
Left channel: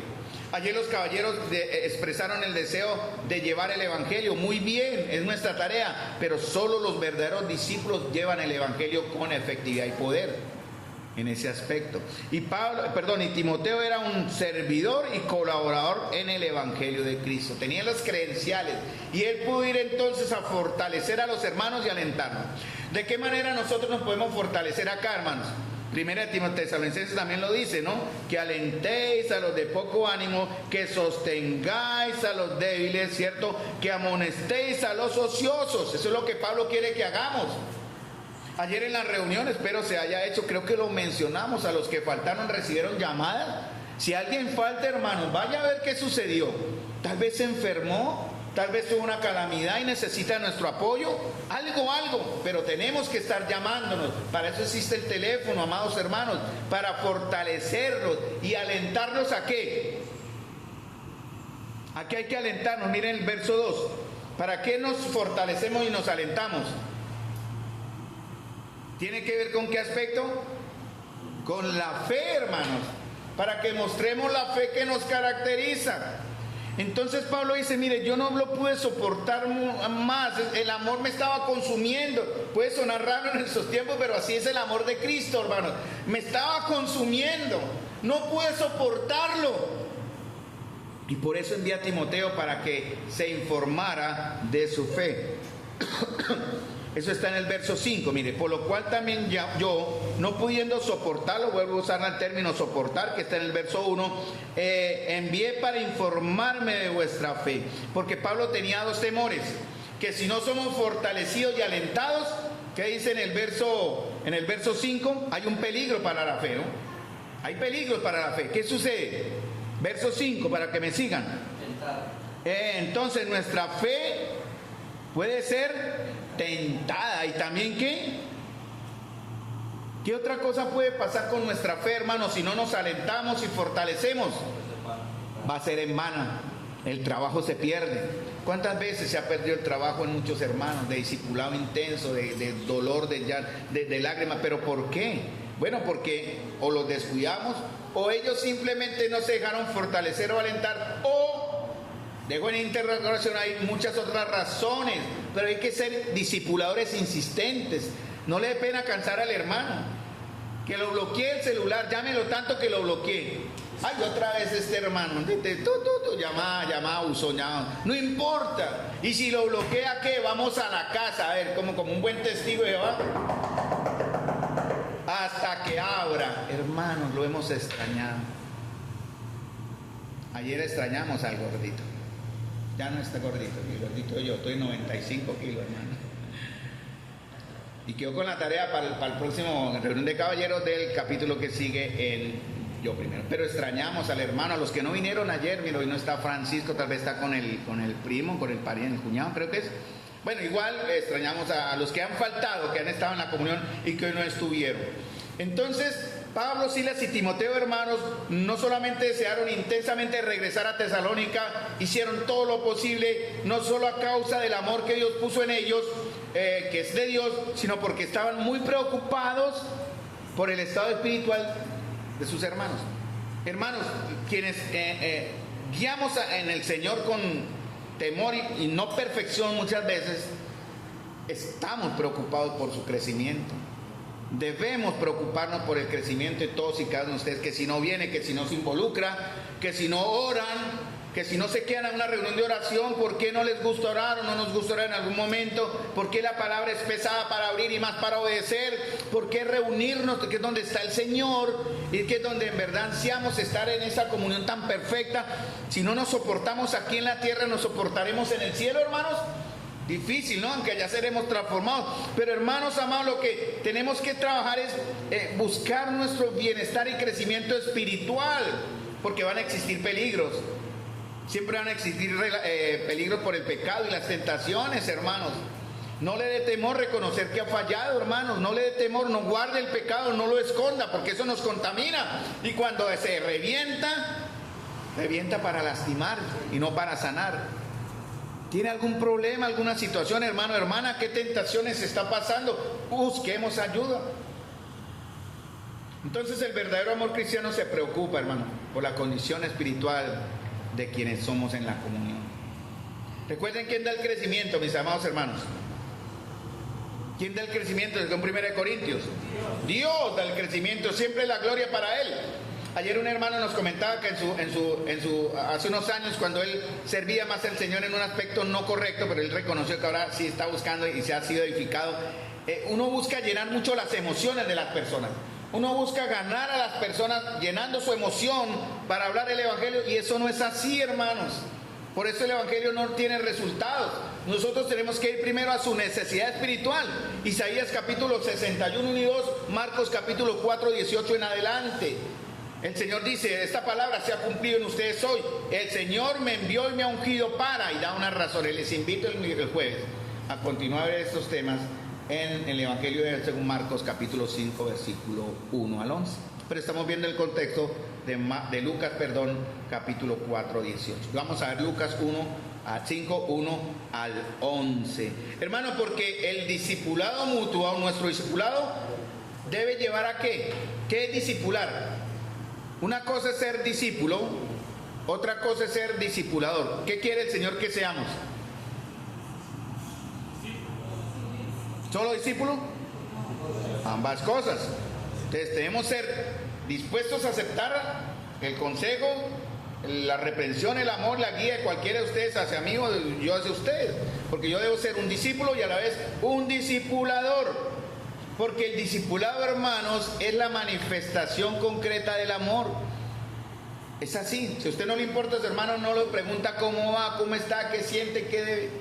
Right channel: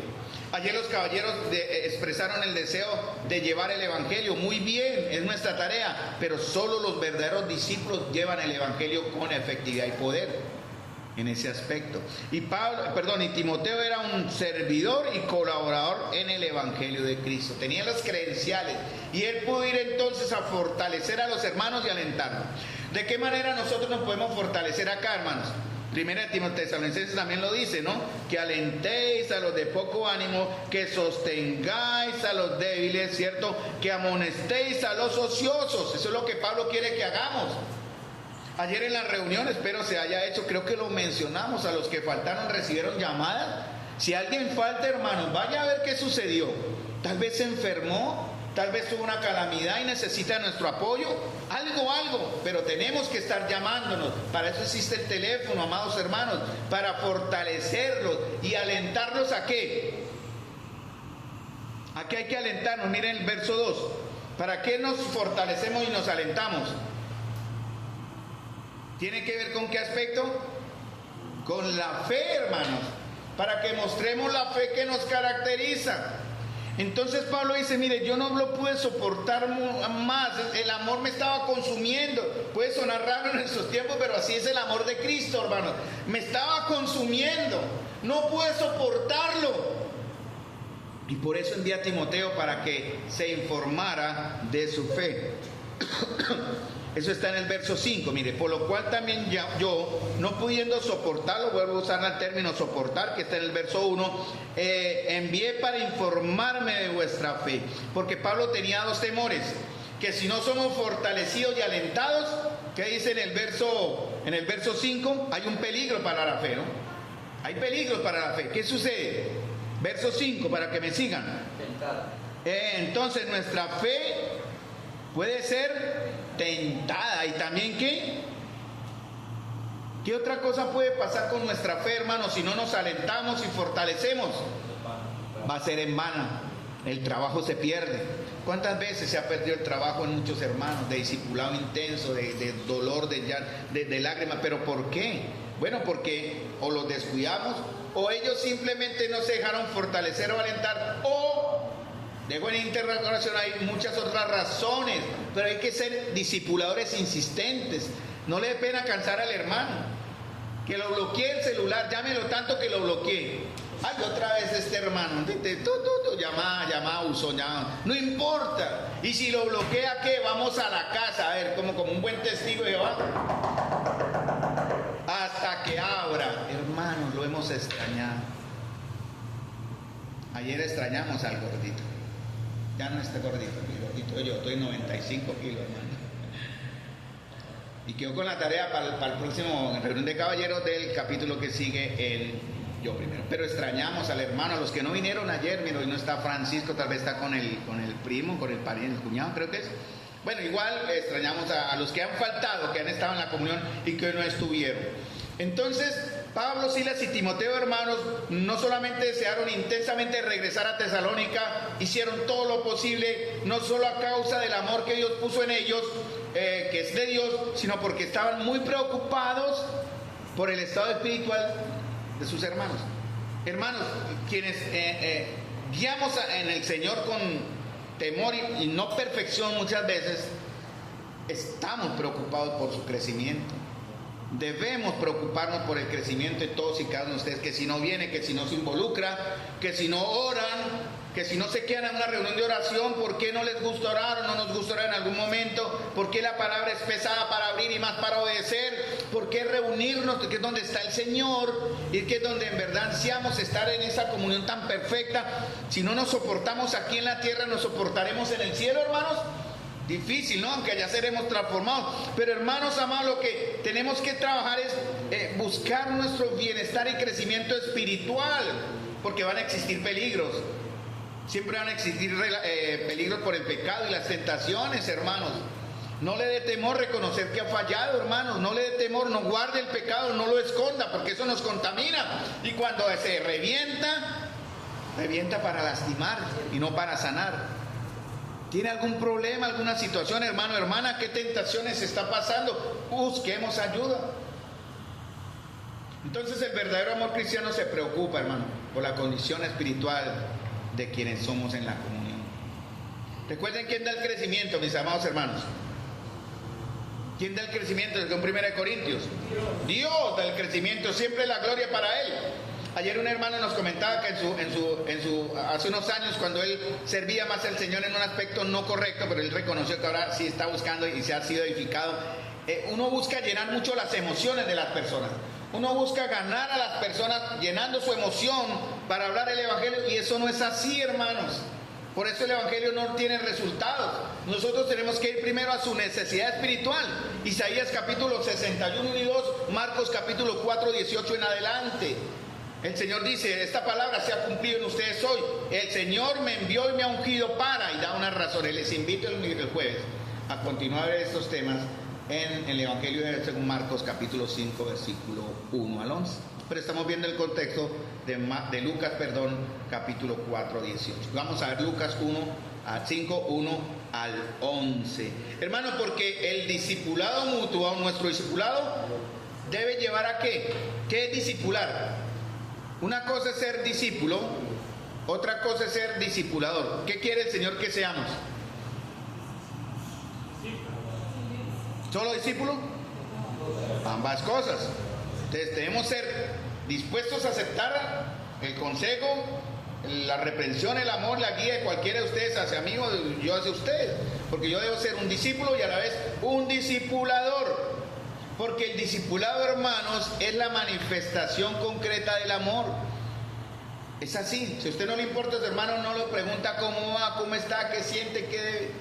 Ayer los caballeros expresaron el deseo de llevar el Evangelio. Muy bien, es nuestra tarea, pero solo los verdaderos discípulos llevan el Evangelio con efectividad y poder. En ese aspecto. Y Timoteo era un servidor y colaborador en el Evangelio de Cristo. Tenía las credenciales y él pudo ir entonces a fortalecer a los hermanos y alentarnos. ¿De qué manera nosotros nos podemos fortalecer acá, hermanos? Primera de Timoteo también lo dice, ¿no? Que alentéis a los de poco ánimo, que sostengáis a los débiles, ¿cierto? Que amonestéis a los ociosos. Eso es lo que Pablo quiere que hagamos. Ayer en la reunión, espero se haya hecho, creo que lo mencionamos, a los que faltaron recibieron llamadas. Si alguien falta, hermano, vaya a ver qué sucedió. Tal vez se enfermó, tal vez tuvo una calamidad y necesita nuestro apoyo, algo, pero tenemos que estar llamándonos. Para eso existe el teléfono, amados hermanos, para fortalecerlos y alentarlos ¿a qué? ¿A qué hay que alentarnos? Miren el verso 2. ¿Para qué nos fortalecemos y nos alentamos? ¿Tiene que ver con qué aspecto? Con la fe, hermanos, para que mostremos la fe que nos caracteriza. Entonces Pablo dice, mire, yo no lo pude soportar más, el amor me estaba consumiendo. Puede sonar raro en estos tiempos, pero así es el amor de Cristo, hermanos. Me estaba consumiendo, no pude soportarlo. Y por eso envía a Timoteo para que se informara de su fe. Eso está en el verso 5, mire, por lo cual también yo, no pudiendo soportarlo, vuelvo a usar el término soportar, que está en el verso 1, envié para informarme de vuestra fe, porque Pablo tenía dos temores, que si no somos fortalecidos y alentados, ¿qué dice en el verso 5? Hay un peligro para la fe, ¿no? Hay peligros para la fe. ¿Qué sucede? Verso 5, para que me sigan. Entonces nuestra fe puede ser tentada. ¿Y también qué? ¿Qué otra cosa puede pasar con nuestra fe, hermanos, si no nos alentamos y fortalecemos? Va a ser en vano. El trabajo se pierde. ¿Cuántas veces se ha perdido el trabajo en muchos hermanos? De discipulado intenso, de dolor, de lágrimas. ¿Pero por qué? Bueno, porque o los descuidamos, o ellos simplemente no se dejaron fortalecer o alentar, o dejo en interrogación, hay muchas otras razones, pero hay que ser discipuladores insistentes. No le dé pena cansar al hermano, que lo bloquee el celular, llámelo tanto que lo bloquee. Ay, otra vez este hermano, llamada, buzón, llamada. No importa. Y si lo bloquea, ¿qué? Vamos a la casa, a ver, como un buen testigo de Jehová. Hasta que abra. Hermanos, lo hemos extrañado. Ayer extrañamos al gordito. Ya no está gordito, mi gordito yo, estoy 95 kilos, hermano. Y quedo con la tarea para el próximo reunión de caballeros del capítulo que sigue en Yo Primero. Pero extrañamos al hermano, a los que no vinieron ayer, mira, hoy no está Francisco, tal vez está con el primo, con el pariente, el cuñado, creo que es. Bueno, igual extrañamos a los que han faltado, que han estado en la comunión y que hoy no estuvieron. Entonces, Pablo, Silas y Timoteo, hermanos, no solamente desearon intensamente regresar a Tesalónica, hicieron todo lo posible, no solo a causa del amor que Dios puso en ellos, que es de Dios, sino porque estaban muy preocupados por el estado espiritual de sus hermanos. Hermanos, quienes guiamos en el Señor con temor y no perfección muchas veces, estamos preocupados por su crecimiento. Debemos preocuparnos por el crecimiento de todos y cada uno de ustedes, que si no viene, que si no se involucra, que si no oran, que si no se quedan en una reunión de oración, ¿por qué no les gusta orar o no nos gusta orar en algún momento? ¿Por qué la palabra es pesada para abrir y más para obedecer? ¿Por qué reunirnos? Que es donde está el Señor y que es donde en verdad ansiamos estar en esa comunión tan perfecta. Si no nos soportamos aquí en la tierra, ¿nos soportaremos en el cielo, hermanos? Difícil, ¿no? Aunque ya seremos transformados. Pero hermanos amados, lo que tenemos que trabajar es buscar nuestro bienestar y crecimiento espiritual, porque van a existir peligros. Siempre van a existir peligros por el pecado y las tentaciones, hermanos. No le dé temor reconocer que ha fallado, hermanos. No le dé temor, no guarde el pecado, no lo esconda, porque eso nos contamina. Y cuando se revienta para lastimar y no para sanar. ¿Tiene algún problema, alguna situación, hermano, hermana? ¿Qué tentaciones está pasando? Busquemos ayuda. Entonces el verdadero amor cristiano se preocupa, hermano, por la condición espiritual de quienes somos en la comunión. Recuerden quién da el crecimiento, mis amados hermanos. ¿Quién da el crecimiento? Según 1 Corintios. Dios da el crecimiento, siempre la gloria para Él. Ayer un hermano nos comentaba que hace unos años, cuando él servía más al Señor en un aspecto no correcto, pero él reconoció que ahora sí está buscando y se ha sido edificado. Uno busca llenar mucho las emociones de las personas. Uno busca ganar a las personas llenando su emoción para hablar el Evangelio, y eso no es así, hermanos. Por eso el Evangelio no tiene resultados. Nosotros tenemos que ir primero a su necesidad espiritual. Isaías capítulo 61 y 2, Marcos capítulo 4, 18 en adelante. El Señor dice, esta palabra se ha cumplido en ustedes hoy. El Señor me envió y me ha ungido para, y da unas razones. Les invito el jueves a continuar estos temas en el Evangelio según Marcos capítulo 5, versículo 1 al 11. Pero estamos viendo el contexto de Lucas, capítulo 4, 18. Vamos a ver Lucas 5, 1 al 11. Hermano, porque el discipulado mutuo, nuestro discipulado, debe llevar a ¿qué? ¿Qué es discipular? Una cosa es ser discípulo, otra cosa es ser discipulador. ¿Qué quiere el Señor que seamos? ¿Solo discípulo? Ambas cosas. Entonces debemos ser dispuestos a aceptar el consejo, la reprensión, el amor, la guía de cualquiera de ustedes hacia mí o yo hacia ustedes. Porque yo debo ser un discípulo y a la vez un discipulador. Porque el discipulado, hermanos, es la manifestación concreta del amor. Es así. Si a usted no le importa a su hermano, no lo pregunta cómo va, cómo está, qué siente, qué debe.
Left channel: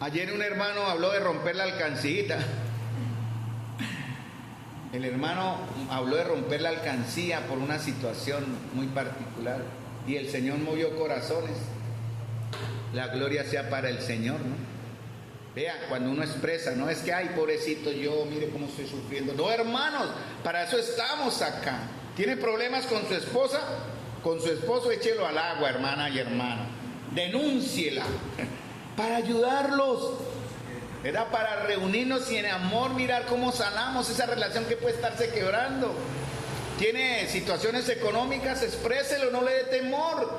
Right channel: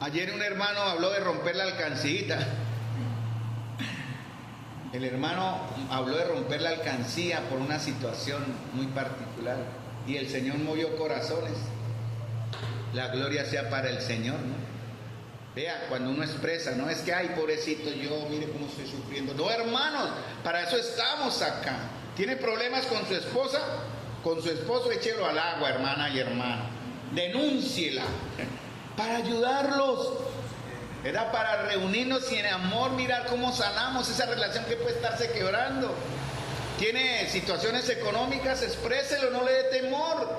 Ayer un hermano habló de romper la alcancía. El hermano habló de romper la alcancía por una situación muy particular. Y el Señor movió corazones. La gloria sea para el Señor, ¿no? Vea, cuando uno expresa, no es que, ay, pobrecito yo, mire cómo estoy sufriendo. No, hermanos, para eso estamos acá. ¿Tiene problemas con su esposa? Con su esposo, échelo al agua, hermana y hermano. Denúnciela. Para ayudarlos. Era para reunirnos y en amor mirar cómo sanamos esa relación que puede estarse quebrando. ¿Tiene situaciones económicas? Expréselo, no le dé temor.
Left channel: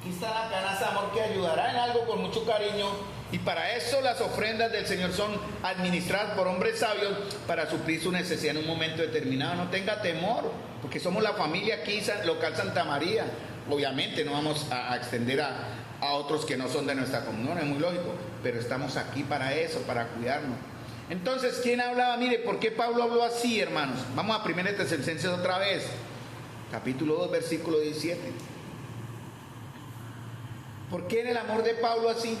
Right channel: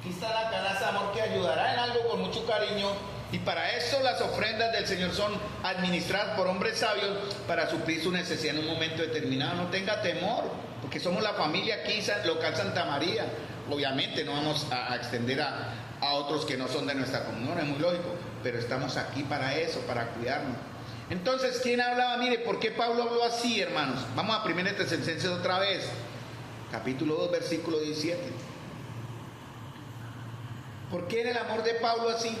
Aquí está la canasta de amor que ayudará en algo con mucho cariño. Y para eso las ofrendas del Señor son administradas por hombres sabios para suplir su necesidad en un momento determinado. No tenga temor, porque somos la familia aquí local Santa María. Obviamente no vamos a extender a otros que no son de nuestra comunión, es muy lógico, pero estamos aquí para eso, para cuidarnos. Entonces, ¿quién hablaba? Mire, ¿por qué Pablo habló así, hermanos? Vamos a 1 Tesalonicenses otra vez, capítulo 2, versículo 17. ¿Por qué era el amor de Pablo así?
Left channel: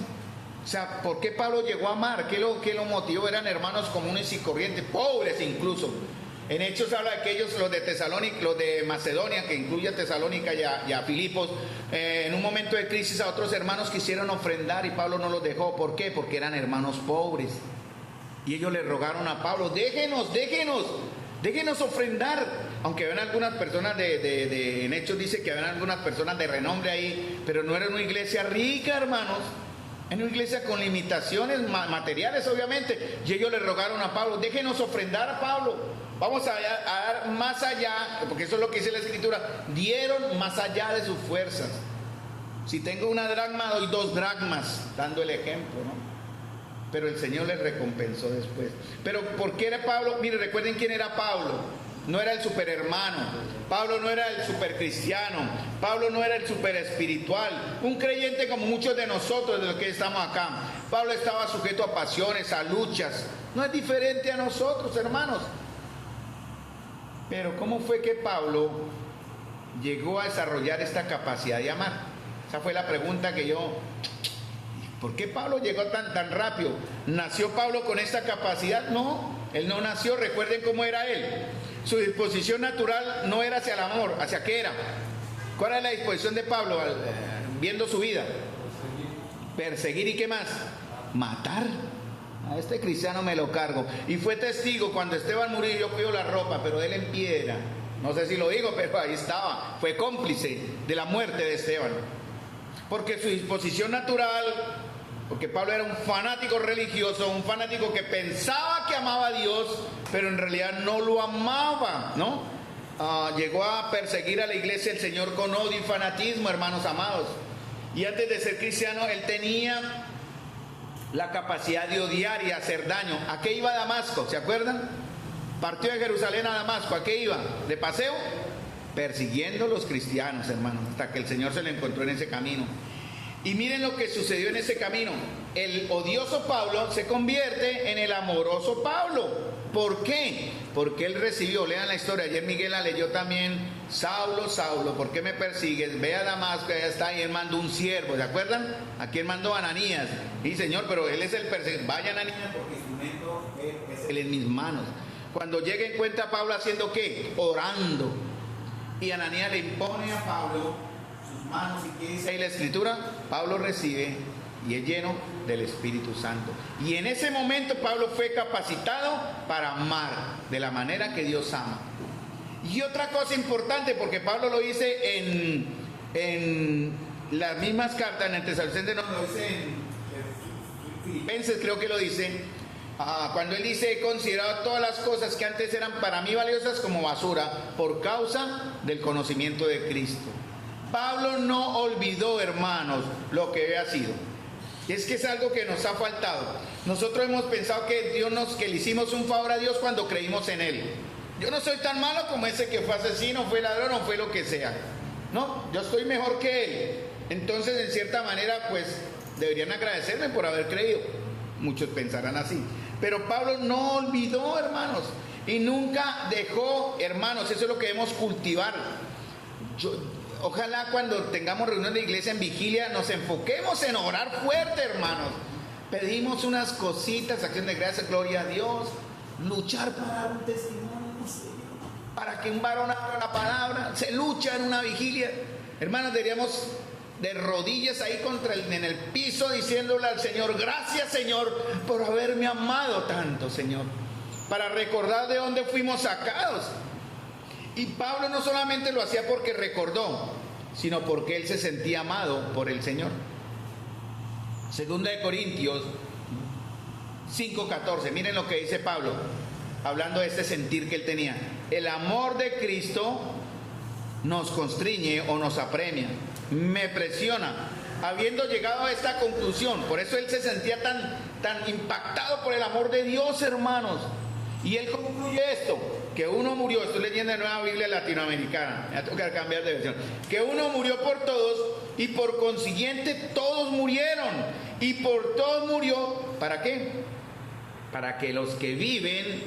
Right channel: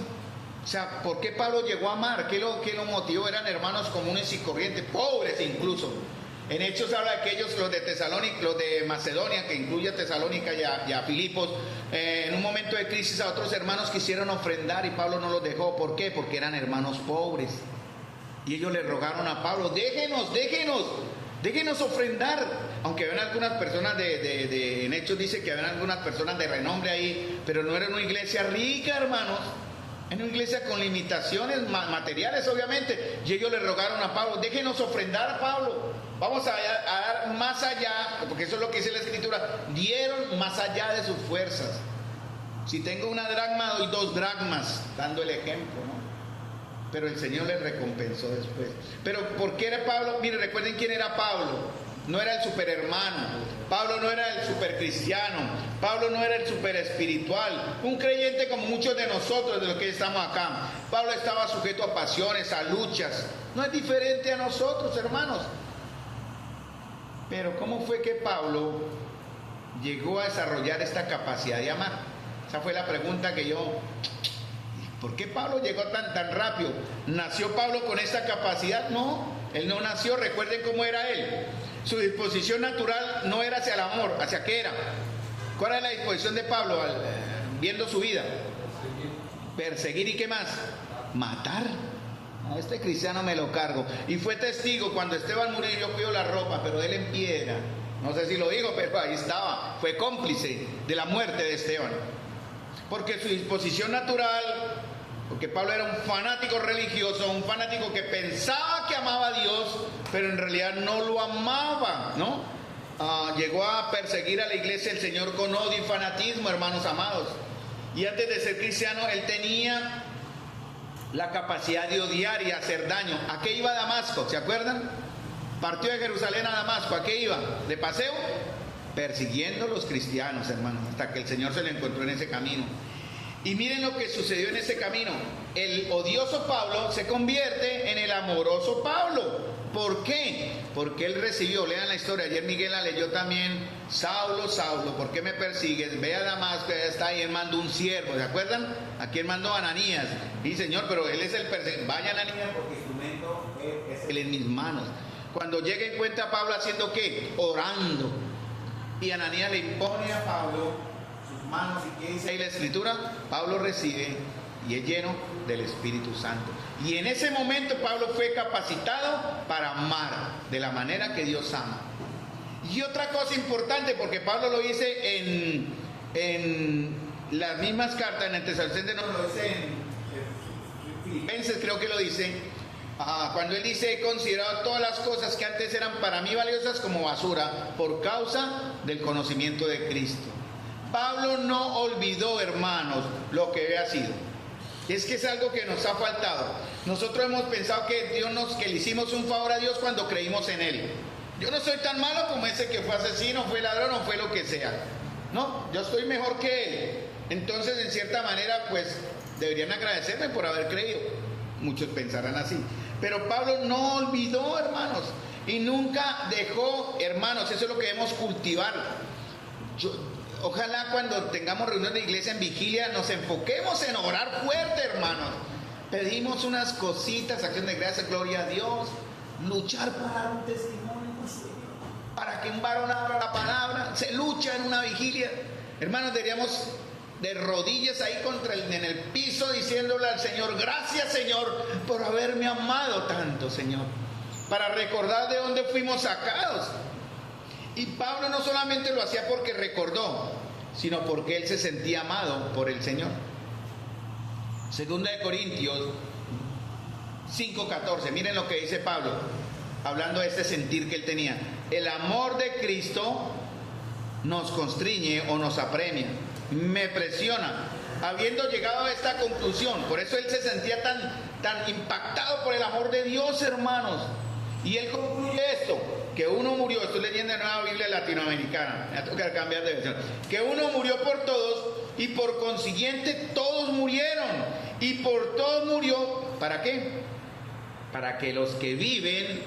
O sea, ¿por qué Pablo llegó a amar? ¿Qué lo motivó? Eran hermanos comunes y corrientes, pobres incluso. En Hechos habla de que ellos, los de Tesalónica, los de Macedonia, que incluye a Tesalónica y a Filipos, en un momento de crisis a otros hermanos quisieron ofrendar y Pablo no los dejó. ¿Por qué? Porque eran hermanos pobres. Y ellos le rogaron a Pablo, déjenos ofrendar. Aunque habían algunas personas en Hechos dice que habían algunas personas de renombre ahí, pero no era una iglesia rica, hermanos. En una iglesia con limitaciones materiales, obviamente. Y ellos le rogaron a Pablo, déjenos ofrendar a Pablo. Vamos a dar más allá, porque eso es lo que dice la Escritura. Dieron más allá de sus fuerzas. Si tengo una dracma, doy 2 dracmas, dando el ejemplo, ¿no? Pero el Señor les recompensó después. Pero ¿por qué era Pablo? Mire, recuerden quién era Pablo. No era el superhermano, Pablo no era el supercristiano, Pablo no era el superespiritual, un creyente como muchos de nosotros, de los que estamos acá. Pablo estaba sujeto a pasiones, a luchas, no es diferente a nosotros, hermanos. Pero ¿cómo fue que Pablo llegó a desarrollar esta capacidad de amar? Esa fue la pregunta que yo... ¿Por qué Pablo llegó tan rápido? ¿Nació Pablo con esta capacidad? No, él no nació. Recuerden cómo era él. Su disposición natural no era hacia el amor. ¿Hacia qué era? ¿Cuál era la disposición de Pablo viendo su vida? Perseguir. ¿Y qué más? Matar. A este cristiano me lo cargo. Y fue testigo cuando Esteban murió. Yo pido la ropa, pero él en piedra. No sé si lo digo, pero ahí estaba. Fue cómplice de la muerte de Esteban. Porque su disposición natural, porque Pablo era un fanático religioso, un fanático que pensaba que amaba a Dios, pero en realidad no lo amaba, ¿no? Llegó a perseguir a la iglesia del Señor con odio y fanatismo, hermanos amados. Y antes de ser cristiano, él tenía la capacidad de odiar y hacer daño. ¿A qué iba a Damasco? ¿Se acuerdan? Partió de Jerusalén a Damasco. ¿A qué iba? ¿De paseo? Persiguiendo a los cristianos, hermanos, hasta que el Señor se le encontró en ese camino. Y miren lo que sucedió en ese camino. El odioso Pablo se convierte en el amoroso Pablo. ¿Por qué? Porque él recibió, lean la historia, ayer Miguel la leyó también: Saulo, Saulo, ¿por qué me persigues? Ve a Damasco, ya está, y él mandó un siervo, ¿se acuerdan? ¿A quién mandó? A Ananías. Y Señor, pero él es el perseguidor. Vaya Ananías, porque instrumento es él en mis manos. Cuando llega encuentra a Pablo haciendo ¿qué? Orando. Y Ananías le impone a Pablo sus manos. ¿Y qué dice ahí la escritura? Pablo recibe y es lleno del Espíritu Santo. Y en ese momento Pablo fue capacitado para amar de la manera que Dios ama. Y otra cosa importante, porque Pablo lo dice en las mismas cartas, en el Tesalonicenses, no lo dice en Filipenses, creo que lo dice. Cuando él dice: he considerado todas las cosas que antes eran para mí valiosas como basura por causa del conocimiento de Cristo. Pablo no olvidó, hermanos, lo que había sido. Es que es algo que nos ha faltado. Nosotros hemos pensado que que le hicimos un favor a Dios cuando creímos en Él. Yo no soy tan malo como ese que fue asesino, fue ladrón o fue lo que sea. No, yo estoy mejor que Él. Entonces, en cierta manera, pues, deberían agradecerme por haber creído. Muchos pensarán así. Pero Pablo no olvidó, hermanos, y nunca dejó, hermanos, eso es lo que debemos cultivar. Ojalá cuando tengamos reunión de iglesia en vigilia nos enfoquemos en orar fuerte, hermanos. Pedimos unas cositas, acción de gracias, gloria a Dios, luchar para dar un testimonio, Señor, para que un varón abra la palabra. Se lucha en una vigilia, hermanos. Deberíamos de rodillas ahí en el piso, diciéndole al Señor: gracias, Señor, por haberme amado tanto, Señor, para recordar de dónde fuimos sacados. Y Pablo no solamente lo hacía porque recordó, sino porque él se sentía amado por el Señor. Segunda de Corintios 5:14, miren lo que dice Pablo, hablando de este sentir que él tenía: el amor de Cristo nos constriñe o nos apremia, me presiona, habiendo llegado a esta conclusión. Por eso él se sentía tan impactado por el amor de Dios, hermanos. Y él concluye esto: que uno murió, estoy leyendo de Nueva Biblia Latinoamericana, me va a tocar cambiar de versión, que uno murió por todos y por consiguiente todos murieron, y por todos murió, ¿para qué? Para que los que viven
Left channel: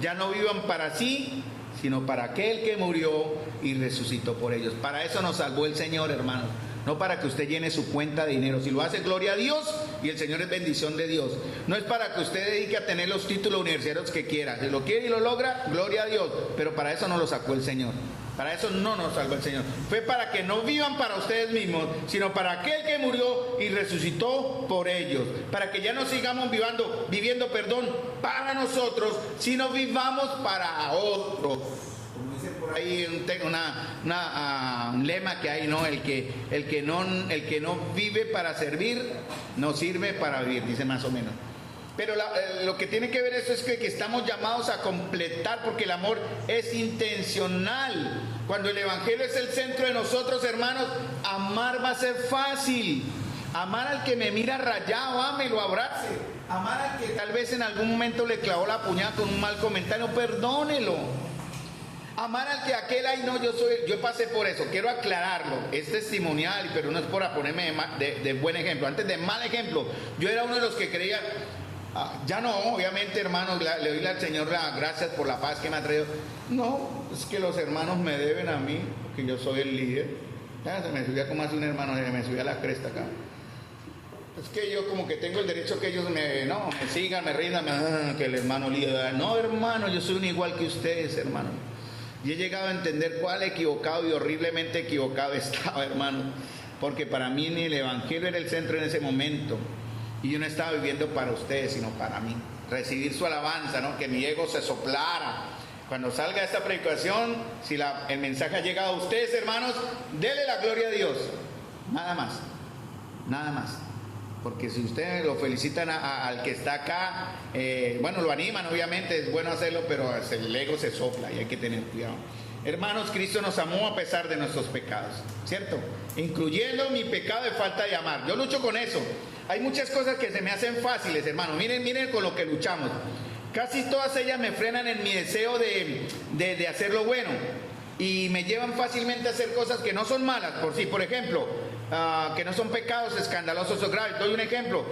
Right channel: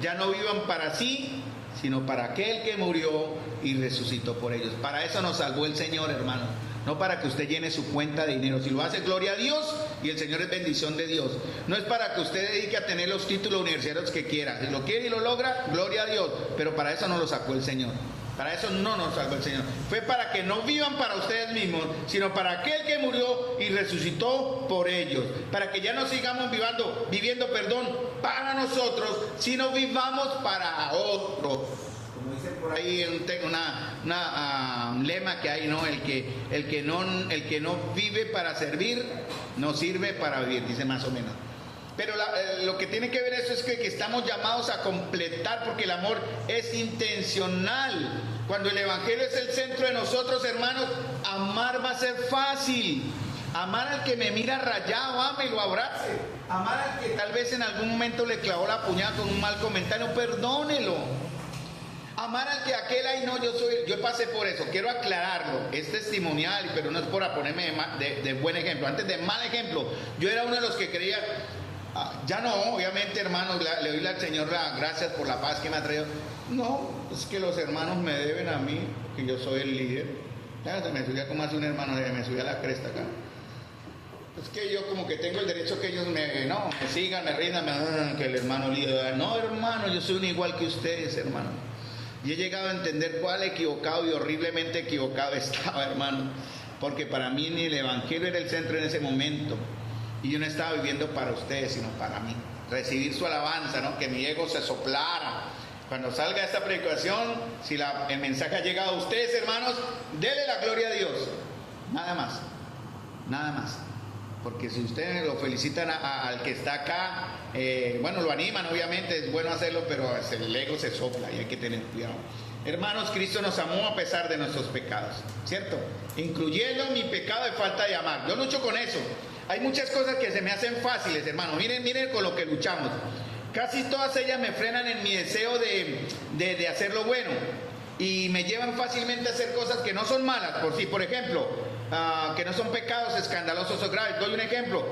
ya no vivan para sí, sino para aquel que murió y resucitó por ellos. Para eso nos salvó el Señor, hermano. No para que usted llene su cuenta de dinero. Si lo hace, gloria a Dios, y el Señor es bendición de Dios. No es para que usted dedique a tener los títulos universitarios que quiera. Si lo quiere y lo logra, gloria a Dios. Pero para eso no lo sacó el Señor. Para eso no nos salvó el Señor. Fue para que no vivan para ustedes mismos, sino para aquel que murió y resucitó por ellos. Para que ya no sigamos viviendo para nosotros, sino vivamos para otros. Como dice por ahí un lema que hay, ¿no? El que no vive para servir, no sirve para vivir, dice más o menos. Pero lo que tiene que ver eso es que estamos llamados a completar, porque el amor es intencional. Cuando el Evangelio es el centro de nosotros, hermanos, amar va a ser fácil. Amar al que me mira rayado, ámelo, abrace. Amar al que tal vez en algún momento le clavó la puñada con un mal comentario, perdónelo. Amar al que aquel, no, yo pasé por eso, quiero aclararlo, es testimonial, pero no es por ponerme de buen ejemplo. Antes de mal ejemplo, yo era uno de los que creía, ya no, obviamente, hermanos, le doy al Señor las gracias por la paz que me ha traído. No, es que los hermanos me deben a mí, que yo soy el líder. Ya se me subía como hace un hermano, me subía a la cresta acá. Es que yo como que tengo el derecho que ellos me sigan, me rindan, que el hermano líder. No, hermano, yo soy un igual que ustedes, hermano. Y he llegado a entender cuál equivocado y horriblemente equivocado estaba, hermano. Porque para mí ni el evangelio era el centro en ese momento. Y yo no estaba viviendo para ustedes, sino para mí. Recibir su alabanza, ¿no? Que mi ego se soplara. Cuando salga esta predicación, si el mensaje ha llegado a ustedes, hermanos, denle la gloria a Dios. Nada más. Nada más. Porque si ustedes lo felicitan al que está acá, lo animan, obviamente, es bueno hacerlo, pero el ego se sopla y hay que tener cuidado. Hermanos, Cristo nos amó a pesar de nuestros pecados, ¿cierto? Incluyendo mi pecado de falta de amar. Yo lucho con eso. Hay muchas cosas que se me hacen fáciles, hermanos. Miren con lo que luchamos. Casi todas ellas me frenan en mi deseo de hacer lo bueno. Y me llevan fácilmente a hacer cosas que no son malas. Por ejemplo, que no son pecados escandalosos o graves. Doy un ejemplo,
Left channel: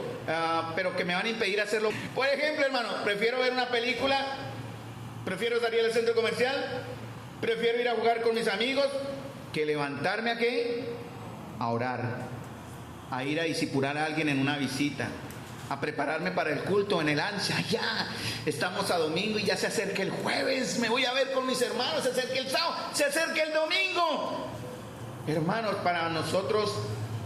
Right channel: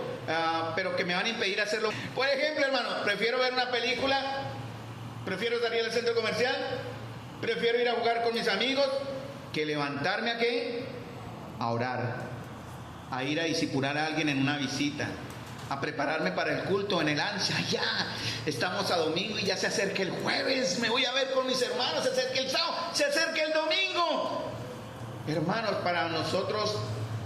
pero que me van a impedir hacerlo. Por ejemplo, hermano, prefiero ver una película, prefiero salir al centro comercial, prefiero ir a jugar con mis amigos, que levantarme a orar, a ir a discipular a alguien en una visita, a prepararme para el culto en el ansia. Ya estamos a domingo y ya se acerca el jueves, me voy a ver con mis hermanos, se acerca el sábado, se acerca el domingo. Hermanos, para nosotros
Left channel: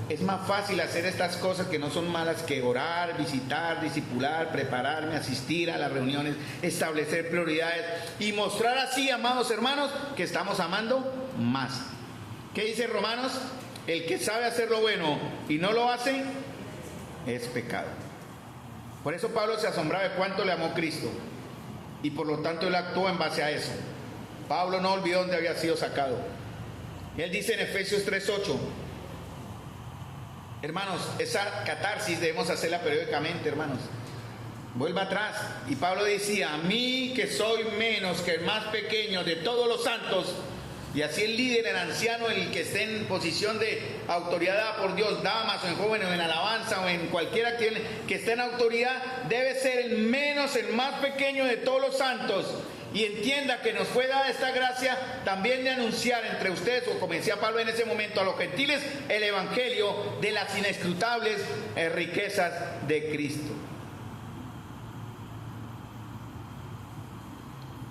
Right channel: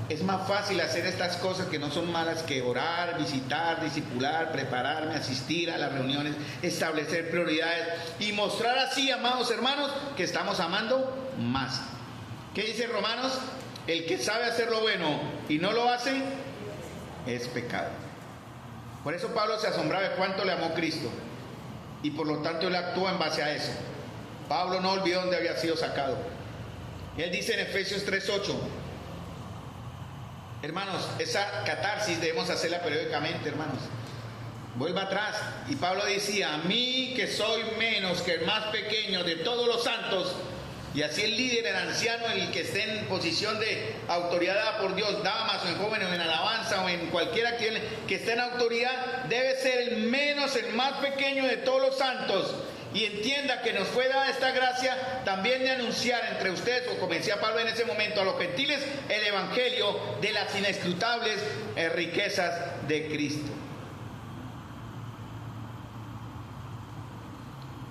es más fácil hacer estas cosas que no son malas que orar, visitar, discipular, prepararme, asistir a las reuniones, establecer prioridades y mostrar así, amados hermanos, que estamos amando más. ¿Qué dice Romanos? El que sabe hacer lo bueno y no lo hace es pecado. Por eso Pablo se asombraba de cuánto le amó Cristo y por lo tanto él actuó en base a eso. Pablo no olvidó dónde había sido sacado. Él dice en Efesios 3:8, hermanos, esa catarsis debemos hacerla periódicamente, hermanos. Vuelva atrás. Y Pablo decía, a mí que soy menos que el más pequeño de todos los santos, y así el líder, el anciano, el que esté en posición de autoridad dada por Dios, damas o en jóvenes o en alabanza o en cualquiera que esté en autoridad, debe ser el menos, el más pequeño de todos los santos. Y entienda que nos fue dada esta gracia también de anunciar entre ustedes, o como decía Pablo en ese momento, a los gentiles el evangelio de las inescrutables riquezas de Cristo.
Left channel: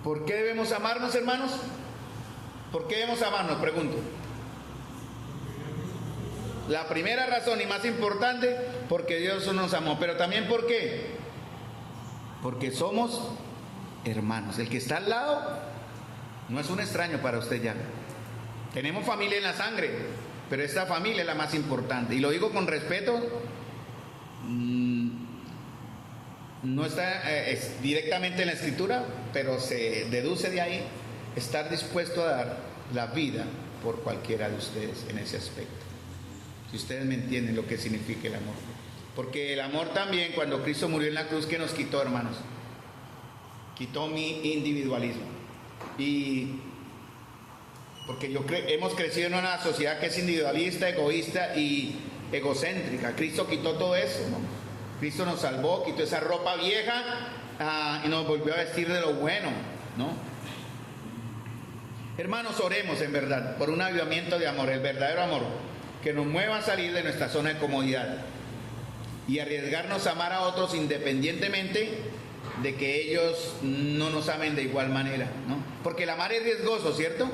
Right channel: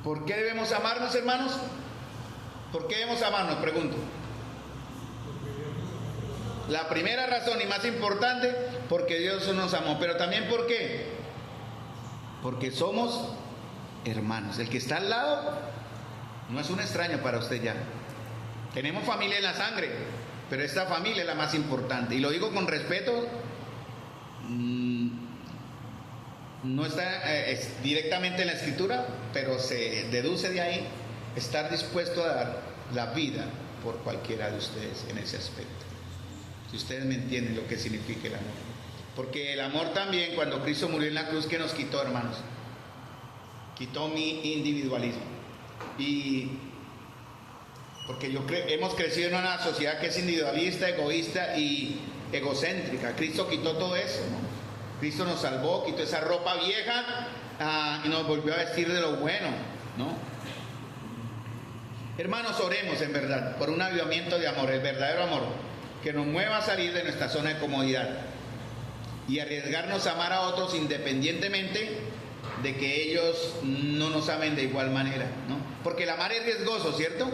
¿Por qué debemos amarnos, hermanos? ¿Por qué debemos amarnos? Pregunto. La primera razón y más importante, porque Dios nos amó. Pero también ¿por qué? Porque somos hermanos. El que está al lado no es un extraño para usted ya. Tenemos familia en la sangre, pero esta familia es la más importante. Y lo digo con respeto. No está directamente en la escritura, pero se deduce de ahí estar dispuesto a dar la vida por cualquiera de ustedes en ese aspecto. Si ustedes me entienden lo que significa el amor. Porque el amor también, cuando Cristo murió en la cruz, ¿qué nos quitó, hermanos? Quitó mi individualismo. Y porque hemos crecido en una sociedad que es individualista, egoísta y egocéntrica. Cristo quitó todo eso, ¿no? Cristo nos salvó, quitó esa ropa vieja y nos volvió a vestir de lo bueno, ¿no? Hermanos, oremos en verdad por un avivamiento de amor, el verdadero amor, que nos mueva a salir de nuestra zona de comodidad y arriesgarnos a amar a otros independientemente de que ellos no nos amen de igual manera, ¿no? Porque el amar es riesgoso, ¿cierto?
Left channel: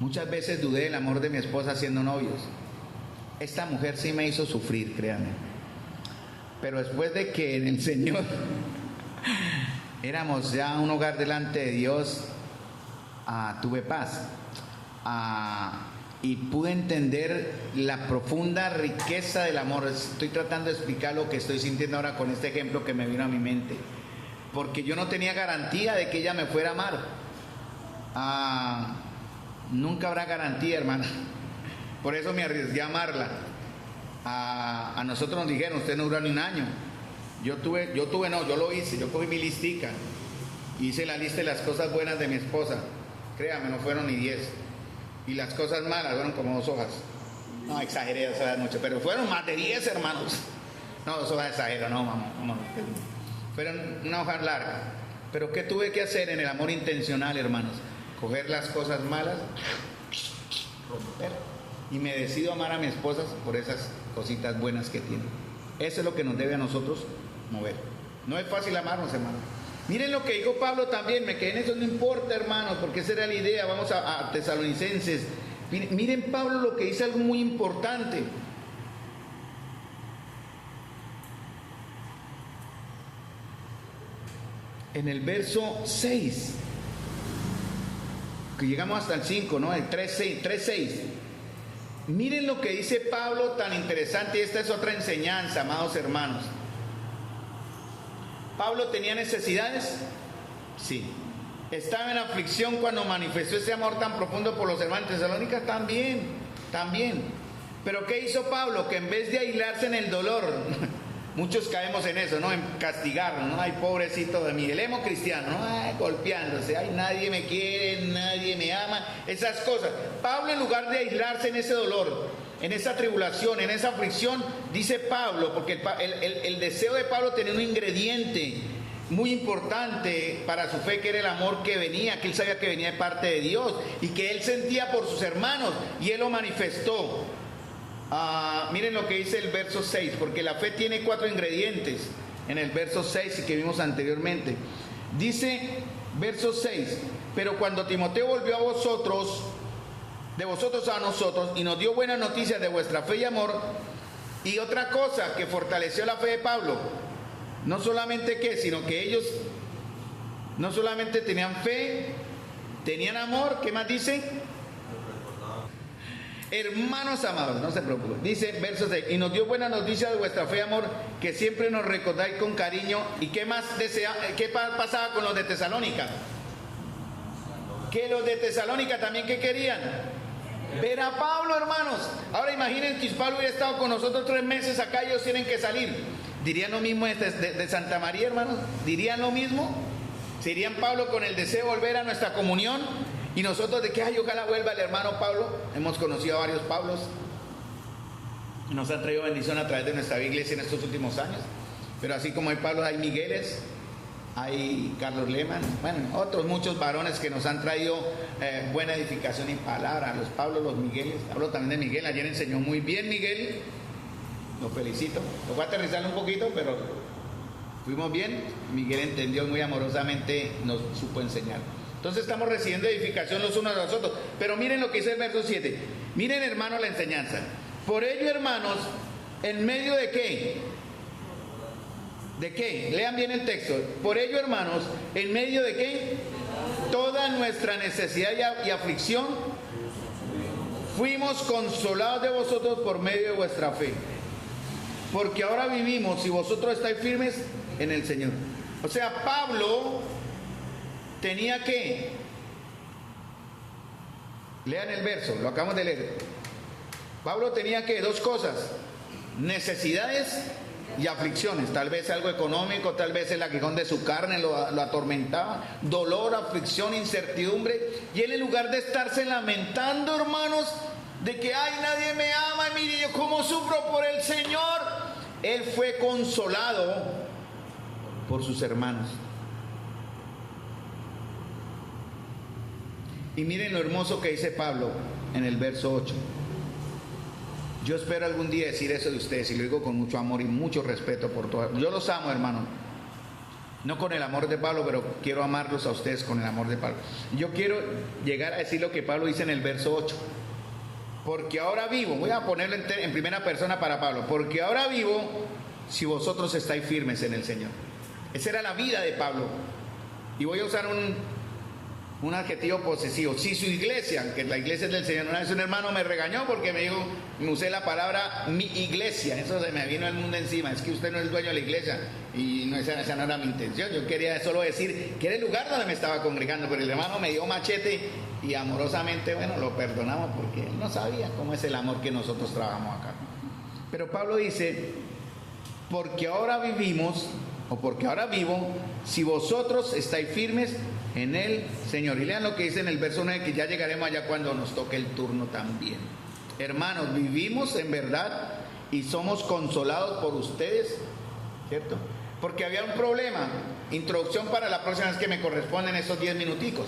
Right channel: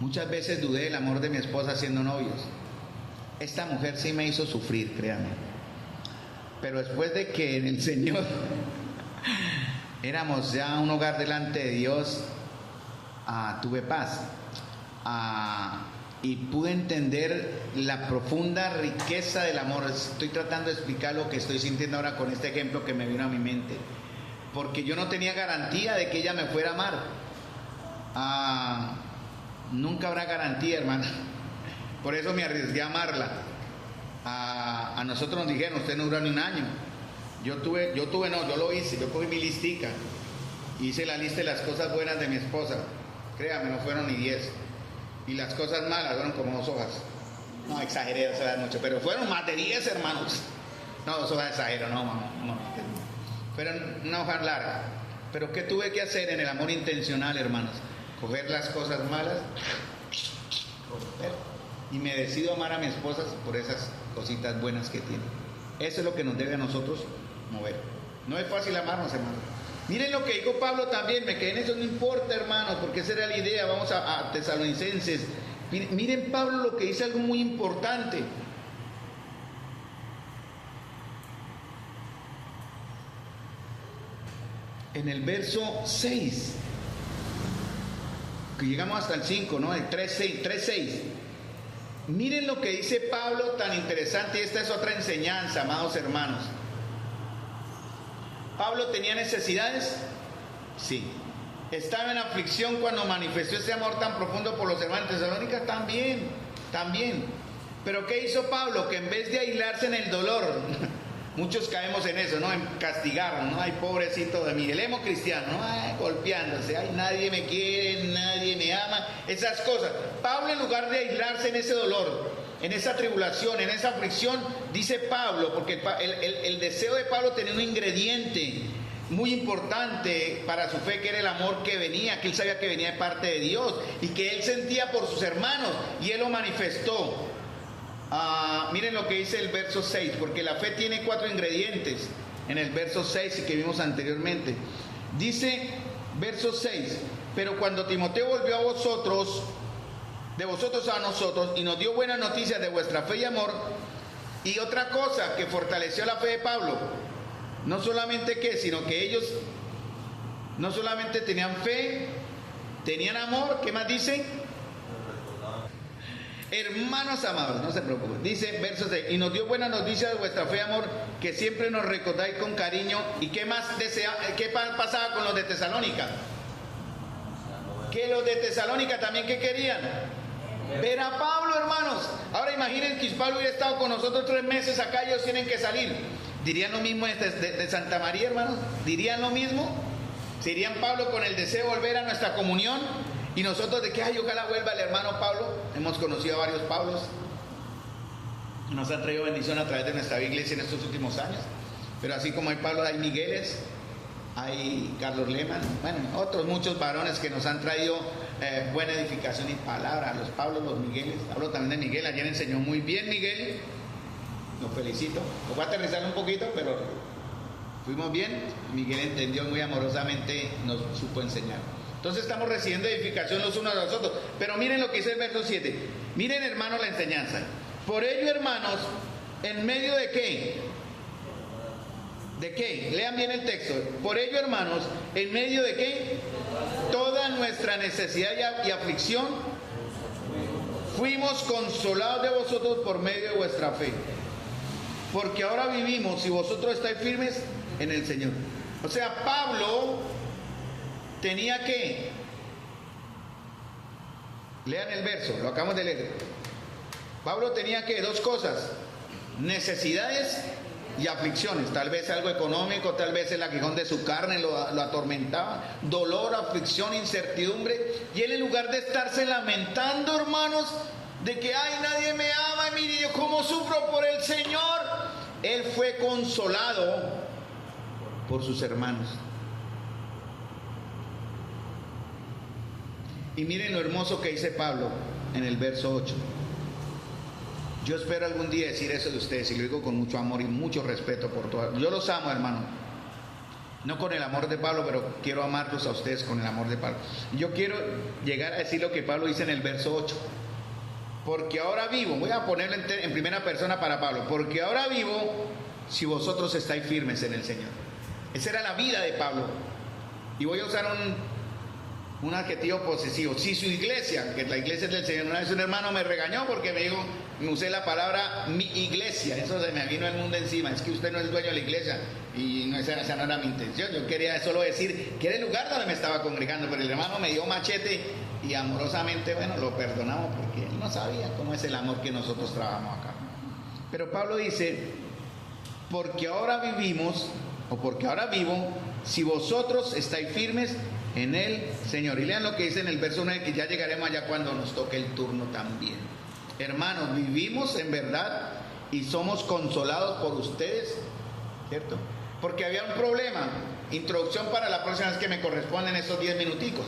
Muchas veces dudé del amor de mi esposa siendo novios. Esta mujer sí me hizo sufrir, créanme. Pero después de que en el Señor éramos ya un hogar delante de Dios, tuve paz. Y pude entender la profunda riqueza del amor. Estoy tratando de explicar lo que estoy sintiendo ahora con este ejemplo que me vino a mi mente. Porque yo no tenía garantía de que ella me fuera a amar. Nunca habrá garantía, hermana. Por eso me arriesgué a amarla. A nosotros nos dijeron, usted no dura ni un año. Yo lo hice, yo cogí mi listica. Hice la lista de las cosas buenas de mi esposa. Créame, no fueron ni 10. Y las cosas malas fueron como 2 hojas. No, exageré, o sea, mucho, pero fueron más de 10, hermanos. No, 2 hojas exagero, no. Fueron una hoja larga. Pero ¿qué tuve que hacer en el amor intencional, hermanos? Coger las cosas malas, romper y me decido amar a mi esposa por esas cositas buenas que tiene. Eso es lo que nos debe a nosotros mover. No es fácil amarnos, hermanos. Miren lo que dijo Pablo también, me quedé en eso, no importa, hermanos, porque esa era la idea. Vamos a Tesalonicenses. Miren Pablo lo que dice, algo muy importante. En el verso 6, que llegamos hasta el 5, ¿no? El 3:6. Miren lo que dice Pablo tan interesante, y esta es otra enseñanza, amados hermanos. ¿Pablo tenía necesidades? Sí. ¿Estaba en aflicción cuando manifestó ese amor tan profundo por los hermanos de Tesalónica? También. Pero ¿qué hizo Pablo? Que en vez de aislarse en el dolor, muchos caemos en eso, ¿no? En castigarnos, ¿no? Ay, pobrecito de mí, el emo cristiano, ¿no? Ay, golpeándose, ay, nadie me quiere, nadie me ama, esas cosas. Pablo, en lugar de aislarse en ese dolor, en esa tribulación, en esa aflicción, dice Pablo, porque el deseo de Pablo tenía un ingrediente muy importante para su fe, que era el amor que venía, que él sabía que venía de parte de Dios y que él sentía por sus hermanos, y él lo manifestó. Miren lo que dice el verso 6, porque la fe tiene 4 ingredientes en el verso 6 y que vimos anteriormente. Dice, verso 6, pero cuando Timoteo volvió a vosotros, de vosotros a nosotros, y nos dio buenas noticias de vuestra fe y amor, y otra cosa que fortaleció la fe de Pablo, no solamente sino que ellos no solamente tenían fe, tenían amor, ¿qué más dice? Hermanos amados, no se preocupen, dice versos 6, y nos dio buena noticia de vuestra fe y amor, que siempre nos recordáis con cariño. ¿Y qué más qué pasaba con los de Tesalónica? Que los de Tesalónica también, ¿qué querían? Ver a Pablo, hermanos. Ahora imaginen que si Pablo hubiera estado con nosotros 3 meses acá, ellos tienen que salir. ¿Dirían lo mismo de Santa María, hermanos? ¿Dirían lo mismo? ¿Serían Pablo con el deseo de volver a nuestra comunión? Y nosotros de que, ay, ojalá vuelva el hermano Pablo. Hemos conocido a varios Pablos. Nos han traído bendición a través de nuestra iglesia en estos últimos años. Pero así como hay Pablos, hay Migueles, hay Carlos Lehmann, bueno, otros muchos varones que nos han traído buena edificación y palabra. Los Pablos, los Migueles. Hablo también de Miguel, ayer enseñó muy bien Miguel. Lo felicito. Lo voy a aterrizar un poquito, pero fuimos bien. Miguel entendió muy amorosamente, nos supo enseñar. Entonces estamos recibiendo edificación los unos a los otros. Pero miren lo que dice el verso 7. Miren, hermanos, la enseñanza. Por ello, hermanos, ¿en medio de qué? ¿De qué? Lean bien el texto. Por ello, hermanos, ¿en medio de qué? Toda nuestra necesidad y aflicción, fuimos consolados de vosotros por medio de vuestra fe. Porque ahora vivimos, si vosotros estáis firmes en el Señor. O sea, Pablo tenía que, lean el verso, lo acabamos de leer. Pablo tenía que 2 cosas: necesidades y aflicciones. Tal vez algo económico, tal vez el aguijón de su carne lo atormentaba, dolor, aflicción, incertidumbre. Y él, en lugar de estarse lamentando, hermanos, de que ay, nadie me ama, mire yo cómo sufro por el Señor, él fue consolado por sus hermanos. Y miren lo hermoso que dice Pablo en el verso 8. Yo espero algún día decir eso de ustedes, y lo digo con mucho amor y mucho respeto por todos. Yo los amo, hermano. No con el amor de Pablo, pero quiero amarlos a ustedes con el amor de Pablo. Yo quiero llegar a decir lo que Pablo dice en el verso 8. Porque ahora vivo, voy a ponerlo en primera persona para Pablo. Porque ahora vivo si vosotros estáis firmes en el Señor. Esa era la vida de Pablo. Y voy a usar un adjetivo posesivo. Si su iglesia, que la iglesia es del Señor, una vez un hermano me regañó porque me usé la palabra mi iglesia, eso se me vino el mundo encima. Es que usted no es dueño de la iglesia, y no, esa no era mi intención. Yo quería solo decir que era el lugar donde me estaba congregando, pero el hermano me dio machete y amorosamente, bueno, lo perdonamos porque él no sabía cómo es el amor que nosotros trabajamos acá. Pero Pablo dice, porque ahora vivimos, o porque ahora vivo, si vosotros estáis firmes en el Señor. Y lean lo que dice en el verso 9, que ya llegaremos allá cuando nos toque el turno también. Hermanos, vivimos en verdad y somos consolados por ustedes, ¿cierto? Porque había un problema. Introducción para la próxima vez que me corresponden estos 10 minuticos.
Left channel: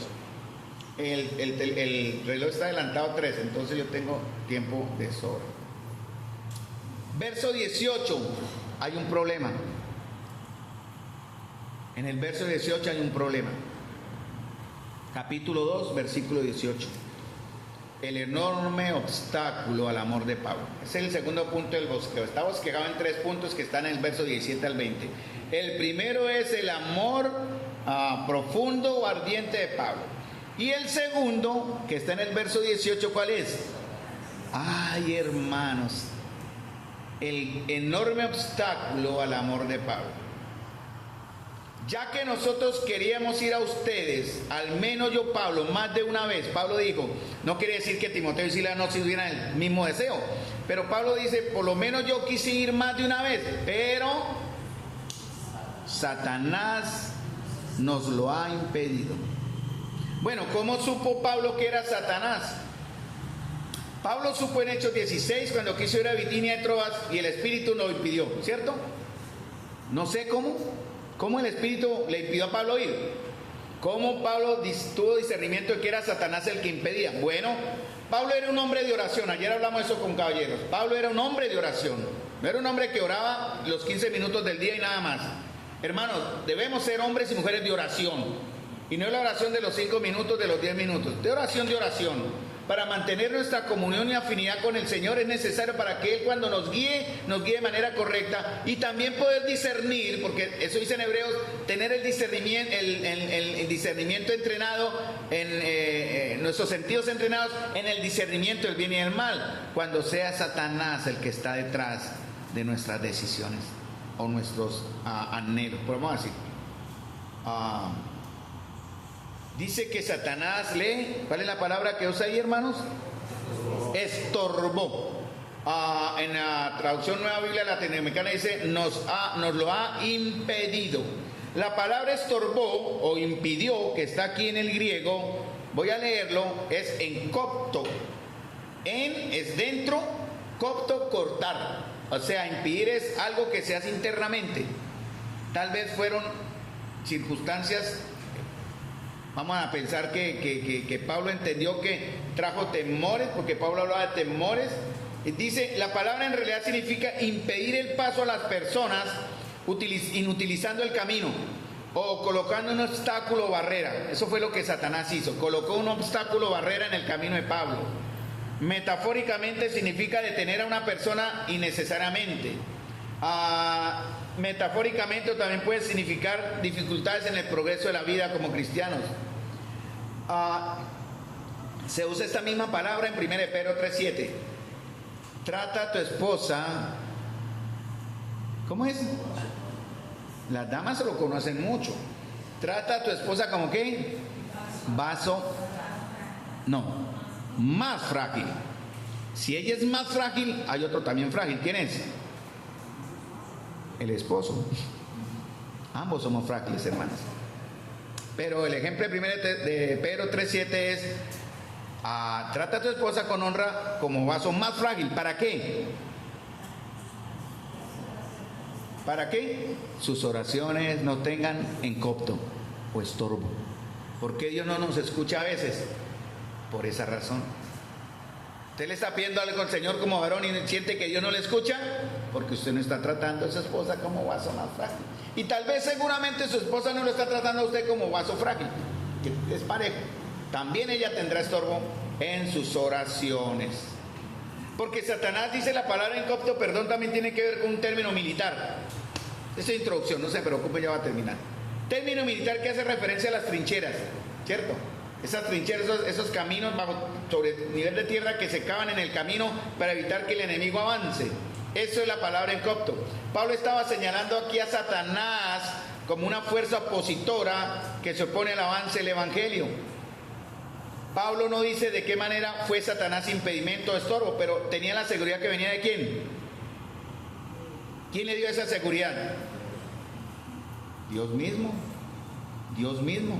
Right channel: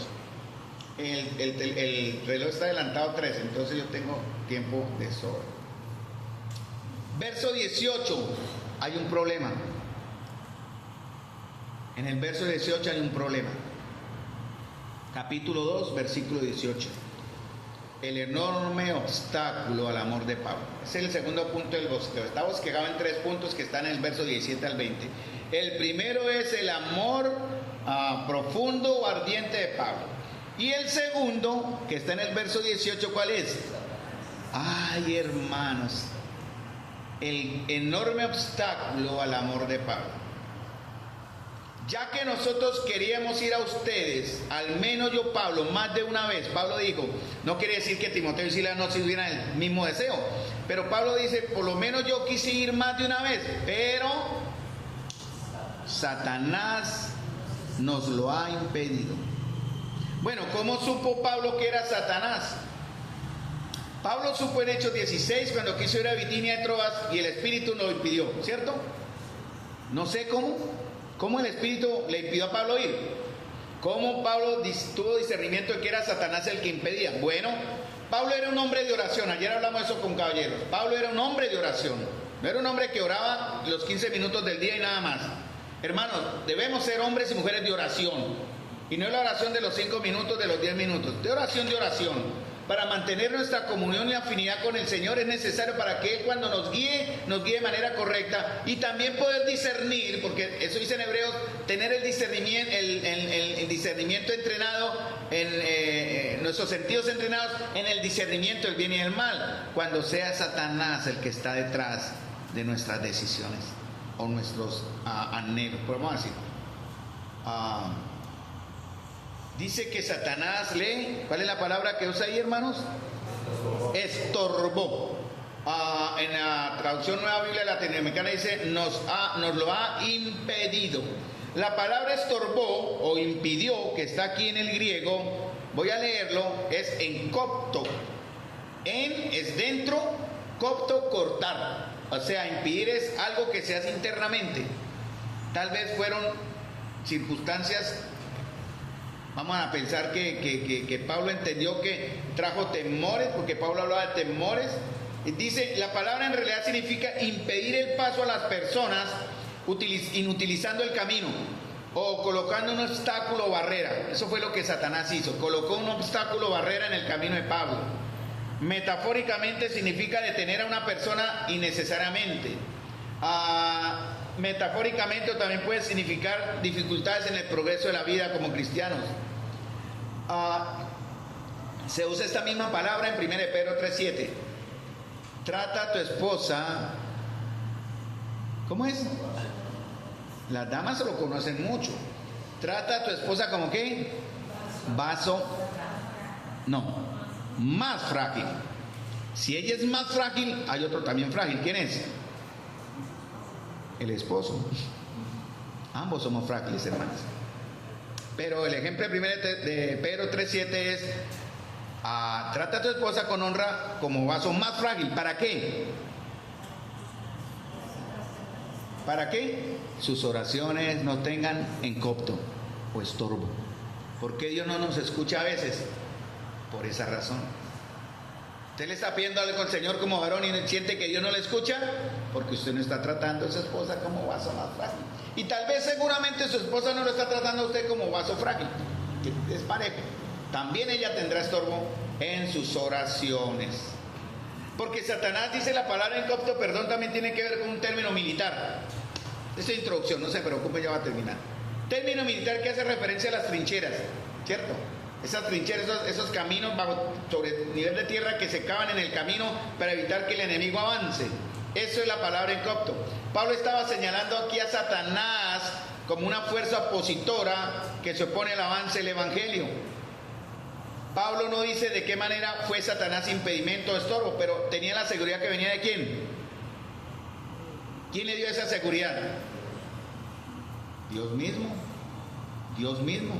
El reloj está adelantado 3, entonces yo tengo tiempo de sobra. Verso 18, hay un problema. En el verso 18 hay un problema. Capítulo 2, versículo 18. El enorme obstáculo al amor de Pablo. Ese es el segundo punto del bosquejo. Está bosquejado en 3 puntos que están en el verso 17 al 20. El primero es el amor profundo o ardiente de Pablo. Y el segundo, que está en el verso 18, ¿cuál es? Ay, hermanos, el enorme obstáculo al amor de Pablo. Ya que nosotros queríamos ir a ustedes, al menos yo, Pablo, más de una vez. Pablo dijo, no quiere decir que Timoteo y Silas no tuvieran el mismo deseo, pero Pablo dice, por lo menos yo quise ir más de una vez, pero Satanás nos lo ha impedido. Bueno, ¿cómo supo Pablo que era Satanás? Pablo supo en Hechos 16 cuando quiso ir a Bitinia y Troas y el Espíritu lo impidió, ¿cierto? No sé cómo el Espíritu le impidió a Pablo ir. ¿Cómo Pablo tuvo discernimiento de que era Satanás el que impedía? Bueno, Pablo era un hombre de oración. Ayer hablamos de eso con caballeros. Pablo era un hombre de oración. No era un hombre que oraba los 15 minutos del día y nada más. Hermanos, debemos ser hombres y mujeres de oración. Y no es la oración de los 5 minutos, de los 10 minutos. De oración. Para mantener nuestra comunión y afinidad con el Señor es necesario para que Él cuando nos guíe de manera correcta y también poder discernir, porque eso dice en Hebreos, tener el discernimiento entrenado, nuestros sentidos entrenados en el discernimiento del bien y del mal, cuando sea Satanás el que está detrás de nuestras decisiones o nuestros anhelos, podemos decir. Dice que Satanás ¿cuál es la palabra que usa ahí, hermanos? Estorbó. En la traducción Nueva Biblia Latinoamericana dice, nos lo ha impedido. La palabra estorbó o impidió, que está aquí en el griego, voy a leerlo, es en copto. Es dentro, copto, cortar. O sea, impedir es algo que se hace internamente. Tal vez fueron circunstancias. Vamos a pensar que Pablo entendió que trajo temores, porque Pablo hablaba de temores. Y dice, la palabra en realidad significa impedir el paso a las personas inutilizando el camino o colocando un obstáculo o barrera. Eso fue lo que Satanás hizo, colocó un obstáculo o barrera en el camino de Pablo. Metafóricamente significa detener a una persona innecesariamente. Metafóricamente también puede significar dificultades en el progreso de la vida como cristianos. Se usa esta misma palabra en 1 Pedro 3:7. Trata a tu esposa. ¿Cómo es? Las damas lo conocen mucho. Trata a tu esposa como ¿qué? Vaso. No, más frágil. Si ella es más frágil, hay otro también frágil. ¿Quién es? El esposo. Ambos somos frágiles, hermanos. Pero el ejemplo de Pedro 3:7 es trata a tu esposa con honra como vaso más frágil. ¿Para qué? ¿Para qué? Sus oraciones no tengan encopto o estorbo. ¿Por qué Dios no nos escucha a veces? Por esa razón. Usted le está pidiendo algo al Señor como varón y siente que Dios no le escucha, porque usted no está tratando a su esposa como vaso más frágil. Y tal vez seguramente su esposa no lo está tratando a usted como vaso frágil, que es parejo. También ella tendrá estorbo en sus oraciones. Porque Satanás, dice la palabra en copto, perdón, también tiene que ver con un término militar. Esa introducción, no se preocupe, ya va a terminar. Término militar que hace referencia a las trincheras, ¿cierto? Esas trincheras, esos caminos sobre nivel de tierra que se cavan en el camino para evitar que el enemigo avance. Eso es la palabra en copto. Pablo estaba señalando aquí a Satanás como una fuerza opositora que se opone al avance del evangelio. Pablo no dice de qué manera fue Satanás impedimento o estorbo, pero tenía la seguridad que venía de ¿quién? ¿Quién le dio esa seguridad? Dios mismo. Dios mismo.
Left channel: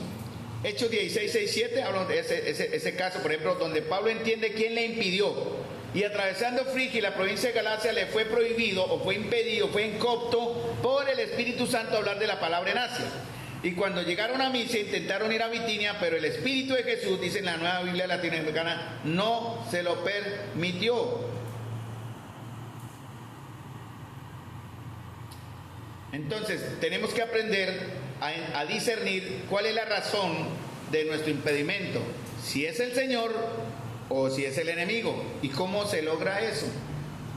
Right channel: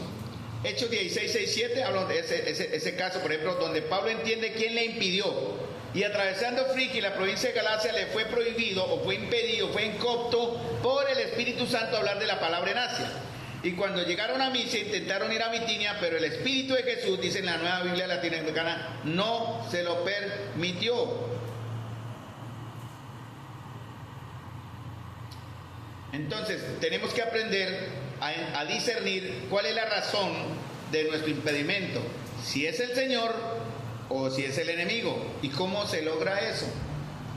Hechos 16, 6, 7 hablan de ese caso, por ejemplo, donde Pablo entiende quién le impidió. Y atravesando Frigia y la provincia de Galacia le fue prohibido o fue impedido, fue en copto por el Espíritu Santo hablar de la palabra en Asia. Y cuando llegaron a Misia intentaron ir a Bitinia, pero el Espíritu de Jesús, dice en la Nueva Biblia Latinoamericana, no se lo permitió. Entonces, tenemos que aprender a discernir cuál es la razón de nuestro impedimento, si es el Señor o si es el enemigo. ¿Y cómo se logra eso?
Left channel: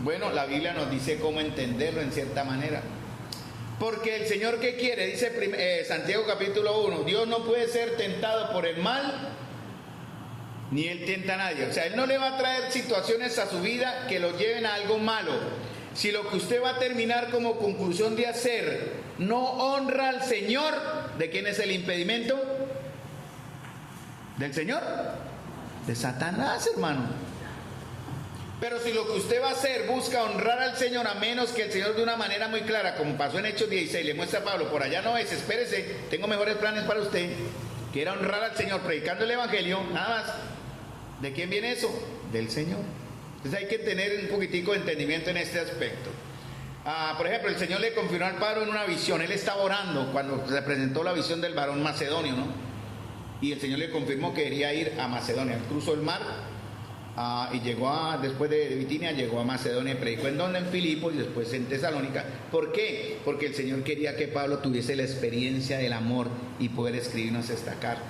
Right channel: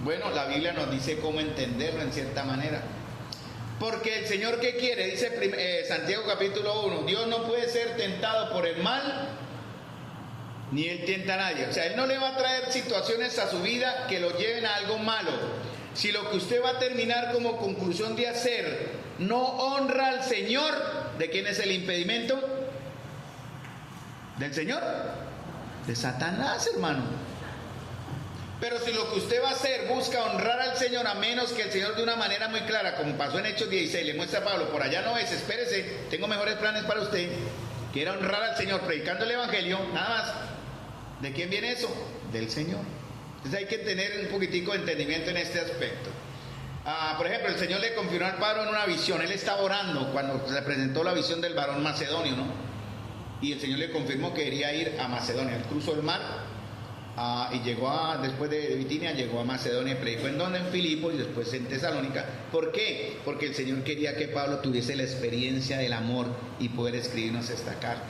Bueno, la Biblia nos dice cómo entenderlo en cierta manera. Porque el Señor, ¿qué quiere? Dice Santiago capítulo 1, Dios no puede ser tentado por el mal, ni Él tienta a nadie. O sea, Él no le va a traer situaciones a su vida que lo lleven a algo malo. Si lo que usted va a terminar como conclusión de hacer no honra al Señor, ¿de quién es el impedimento? ¿Del Señor? De Satanás, hermano. Pero si lo que usted va a hacer busca honrar al Señor, a menos que el Señor de una manera muy clara, como pasó en Hechos 16, le muestra a Pablo, por allá no es, espérese, tengo mejores planes para usted, que era honrar al Señor predicando el Evangelio, nada más. ¿De quién viene eso? Del Señor. Entonces hay que tener un poquitico de entendimiento en este aspecto. Por ejemplo, el Señor le confirmó al Pablo en una visión. Él estaba orando cuando se presentó la visión del varón macedonio, ¿no? Y el Señor le confirmó que quería ir a Macedonia. Él cruzó el mar y llegó después de Bitinia, llegó a Macedonia y predicó en donde, en Filipos y después en Tesalónica. ¿Por qué? Porque el Señor quería que Pablo tuviese la experiencia del amor y poder escribirnos esta carta.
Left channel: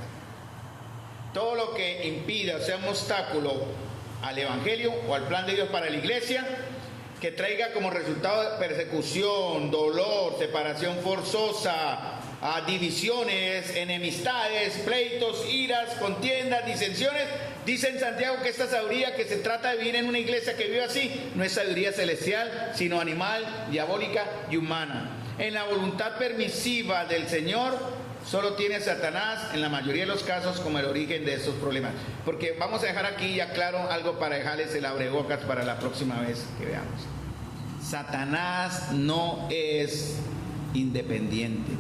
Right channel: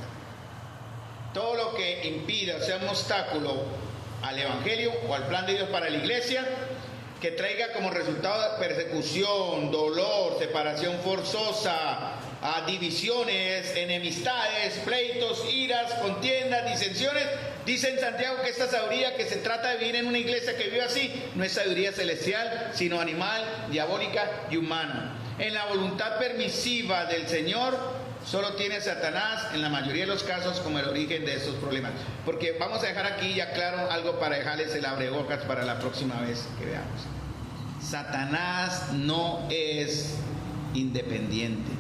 Todo lo que impida o sea un obstáculo al Evangelio o al plan de Dios para la iglesia, que traiga como resultado persecución, dolor, separación forzosa, divisiones, enemistades, pleitos, iras, contiendas, disensiones. Dice en Santiago que esta sabiduría que se trata de vivir en una iglesia que vive así, no es sabiduría celestial, sino animal, diabólica y humana. En la voluntad permisiva del Señor, solo tiene Satanás en la mayoría de los casos como el origen de estos problemas. Porque vamos a dejar aquí ya claro algo para dejarles el abrebocas para la próxima vez que veamos. Satanás no es independiente.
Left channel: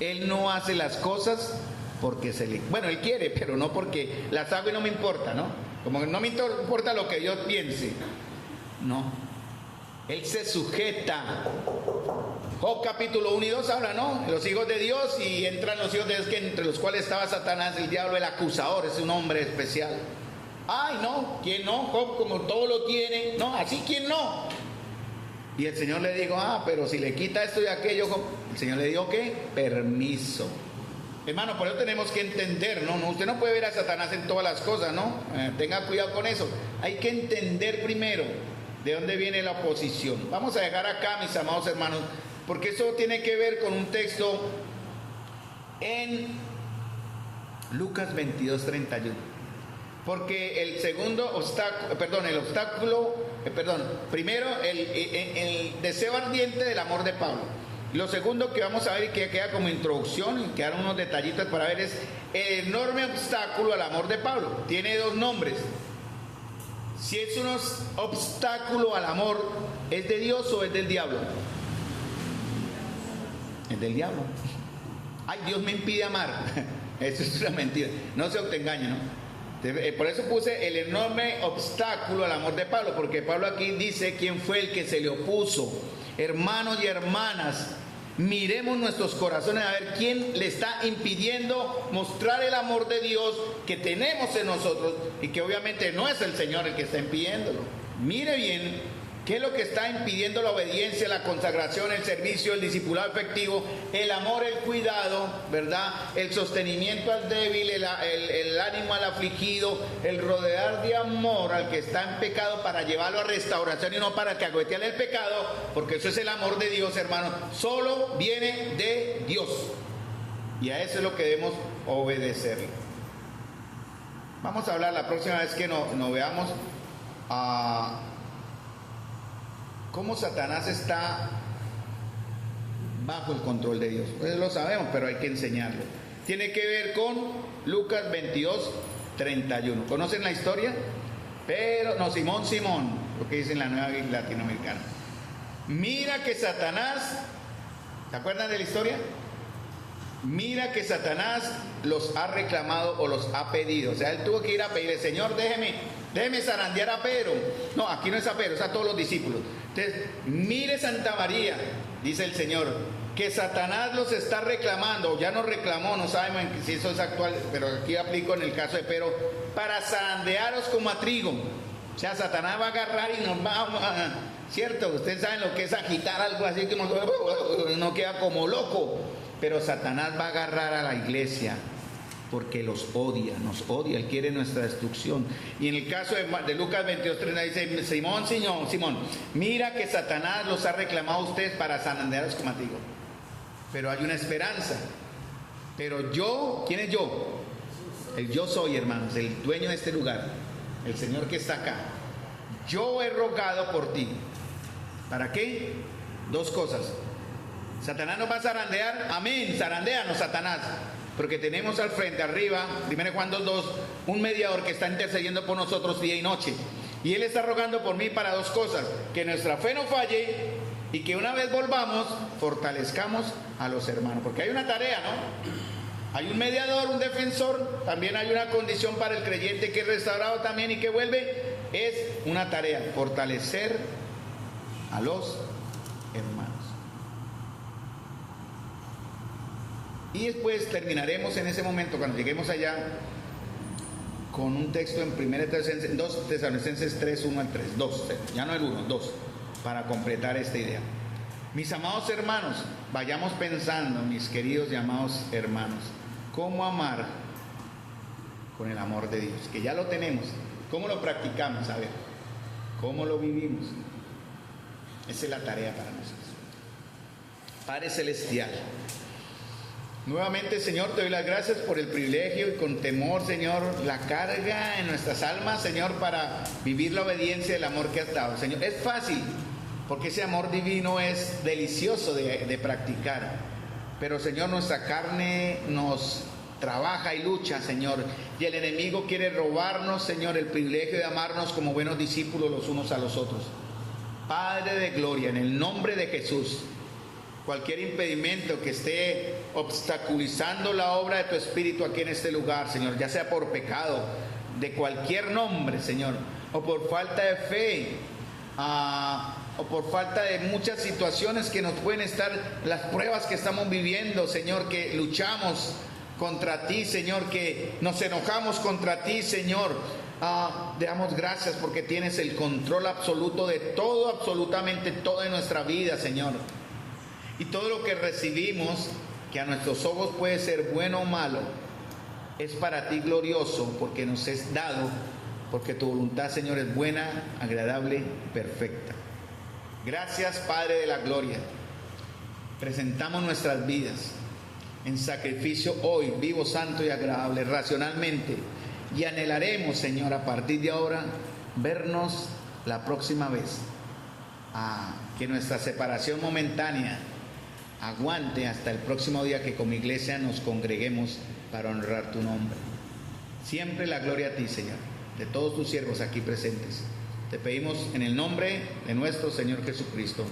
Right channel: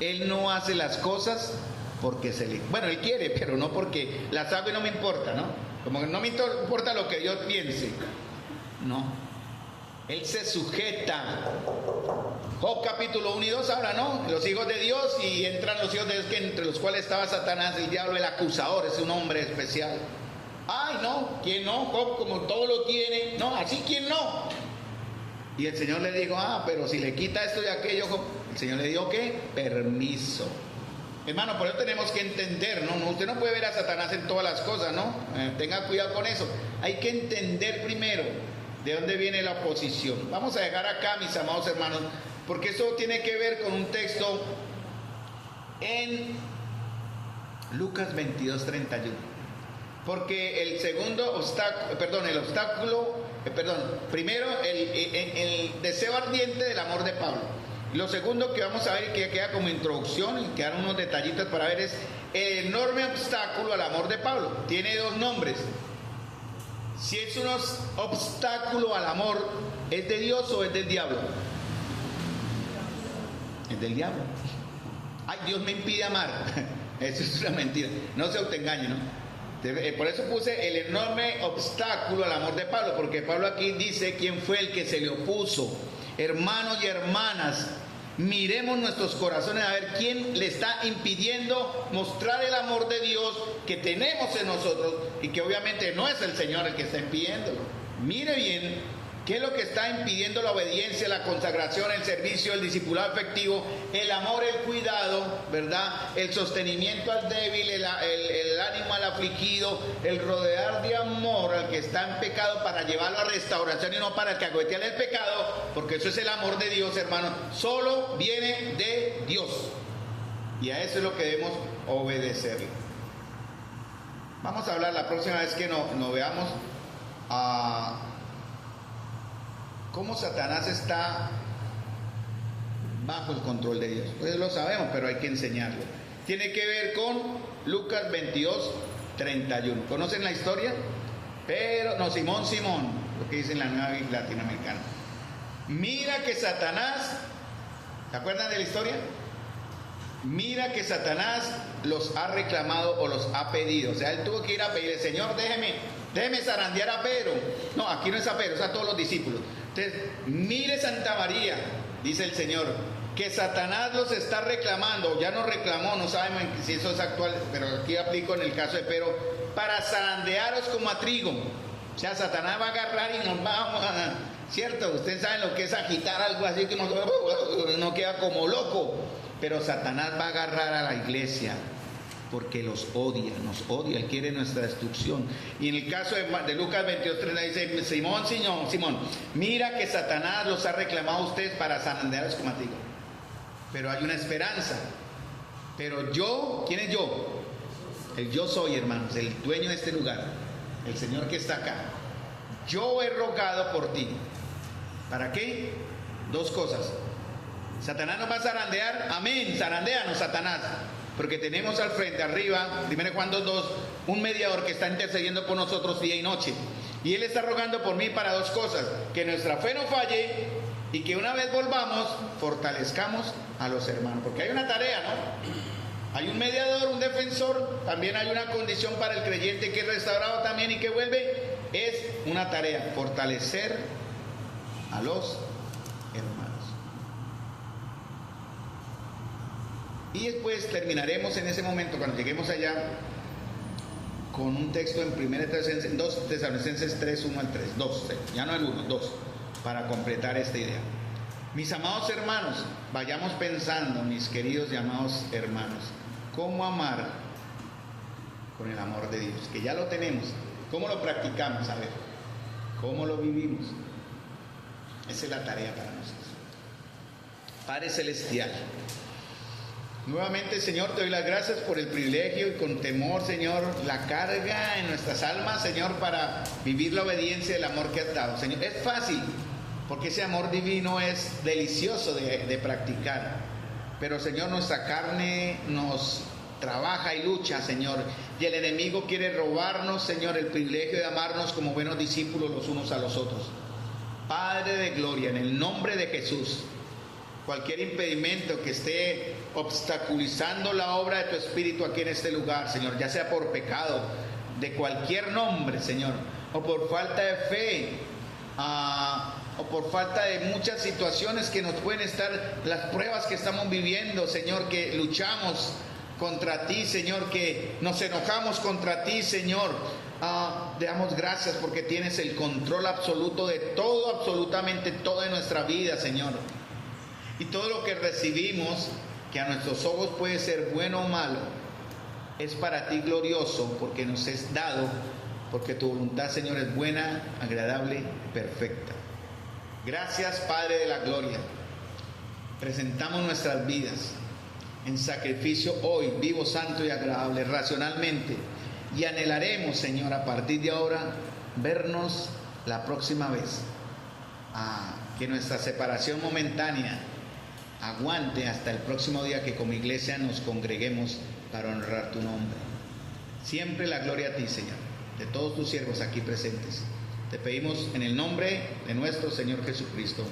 Él no hace las cosas porque bueno, él quiere, pero no porque la sabe, no me importa, ¿no? Como no me importa lo que yo piense. No. Él se sujeta. Job capítulo 1 y 2 habla, ¿no? Los hijos de Dios, y entran los hijos de Dios, que entre los cuales estaba Satanás, el diablo, el acusador, es un hombre especial. Ay, no, ¿quién no? Job como todo lo tiene. No, así ¿quién no? Y el Señor le dijo, pero si le quita esto y aquello, Job, el Señor le dijo, ¿qué? Permiso. Hermano, por eso tenemos que entender, ¿no? Usted no puede ver a Satanás en todas las cosas, ¿no? Tenga cuidado con eso. Hay que entender primero de dónde viene la oposición. Vamos a dejar acá, mis amados hermanos, porque eso tiene que ver con un texto en Lucas 22:31. Porque el segundo obstáculo, primero el deseo ardiente del amor de Pablo. Lo segundo que vamos a ver y que queda como introducción y quedan unos detallitos para ver es el enorme obstáculo al amor de Pablo. Tiene dos nombres. Si es un obstáculo al amor, ¿es de Dios o es del diablo? Es del diablo. Ay, Dios me impide amar. Eso es una mentira. No se autoengañe, ¿no? Por eso puse el enorme obstáculo al amor de Pablo, porque Pablo aquí dice quién fue el que se le opuso. Hermanos y hermanas, miremos nuestros corazones a ver quién le está impidiendo mostrar el amor de Dios que tenemos en nosotros, y que obviamente no es el Señor el que está impidiéndolo. Mire bien qué es lo que está impidiendo la obediencia, la consagración, el servicio, el discipulado efectivo, el amor, el cuidado, ¿verdad? El sostenimiento al débil, el ánimo al afligido, el rodear de amor al que está en pecado para llevarlo a restauración y no para que agüetearle el pecado, porque eso es el amor de Dios, hermano. Solo viene de Dios. Y a eso es lo que debemos obedecerle. Vamos a hablar la próxima vez que nos veamos cómo Satanás está bajo el control de Dios. Pues lo sabemos, pero hay que enseñarlo. Tiene que ver con Lucas 22:31. ¿Conocen la historia? Pero, no, Simón, lo que dice en la Nueva Biblia Latinoamericana. Mira que Satanás, ¿se acuerdan de la historia? Mira que Satanás los ha reclamado o los ha pedido. O sea, él tuvo que ir a pedirle, Señor, déjeme zarandear a Pedro. No, aquí no es a Pedro, es a todos los discípulos. Entonces, mire Santa María, dice el Señor, que Satanás los está reclamando, ya nos reclamó, no sabemos si eso es actual, pero aquí aplico en el caso de Pedro, para zarandearos como a trigo. O sea, Satanás va a agarrar y nos va a... ¿Cierto? Ustedes saben lo que es agitar algo así, que no queda como loco. Pero Satanás va a agarrar a la iglesia porque los odia, nos odia, él quiere nuestra destrucción. Y en el caso de Lucas 22:30 dice, Simón, mira que Satanás los ha reclamado a ustedes para zarandearos como a trigo. Pero hay una esperanza. Pero yo, ¿quién es yo? El yo soy, hermanos, el dueño de este lugar, el Señor que está acá. Yo he rogado por ti. ¿Para qué? Dos cosas. Satanás nos va a zarandear, amén, zarandéanos Satanás, porque tenemos al frente, arriba, 1 Juan 2:2, un mediador que está intercediendo por nosotros día y noche. Y él está rogando por mí para dos cosas: que nuestra fe no falle y que una vez volvamos, fortalezcamos a los hermanos. Porque hay una tarea, ¿no? Hay un mediador, un defensor, también hay una condición para el creyente que es restaurado también y que vuelve. Es una tarea, fortalecer a los hermanos. Y después terminaremos en ese momento, cuando lleguemos allá, con un texto en 2 Tesalonicenses 3, 1 al 3, 2, ya no el 1, 2, para completar esta idea. Mis amados hermanos, vayamos pensando, mis queridos y amados hermanos, cómo amar con el amor de Dios, que ya lo tenemos. ¿Cómo lo practicamos? A ver, ¿cómo lo vivimos? Esa es la tarea para nosotros. Padre Celestial, nuevamente, Señor, te doy las gracias por el privilegio y con temor, Señor, la carga en nuestras almas, Señor, para vivir la obediencia del amor que has dado. Señor, es fácil, porque ese amor divino es delicioso de practicar. Pero, Señor, nuestra carne nos trabaja y lucha, Señor, y el enemigo quiere robarnos, Señor, el privilegio de amarnos como buenos discípulos los unos a los otros. Padre de gloria, en el nombre de Jesús, cualquier impedimento que esté obstaculizando la obra de tu Espíritu aquí en este lugar, Señor, ya sea por pecado, de cualquier nombre, Señor, o por falta de fe, o por falta de muchas situaciones que nos pueden estar, las pruebas que estamos viviendo, Señor, que luchamos contra ti, Señor, que nos enojamos contra ti, Señor. Te damos gracias porque tienes el control absoluto de todo, absolutamente todo en nuestra vida, Señor. Y todo lo que recibimos, que a nuestros ojos puede ser bueno o malo, es para ti glorioso, porque nos es dado, porque tu voluntad, Señor, es buena, agradable, perfecta. Gracias, Padre de la gloria. Presentamos nuestras vidas en sacrificio hoy, vivo, santo y agradable, racionalmente, y anhelaremos, Señor, a partir de ahora, vernos la próxima vez. Que nuestra separación momentánea aguante hasta el próximo día que como iglesia nos congreguemos para honrar tu nombre. Siempre la gloria a ti, Señor, de todos tus siervos aquí presentes. Te pedimos en el nombre de nuestro Señor Jesucristo.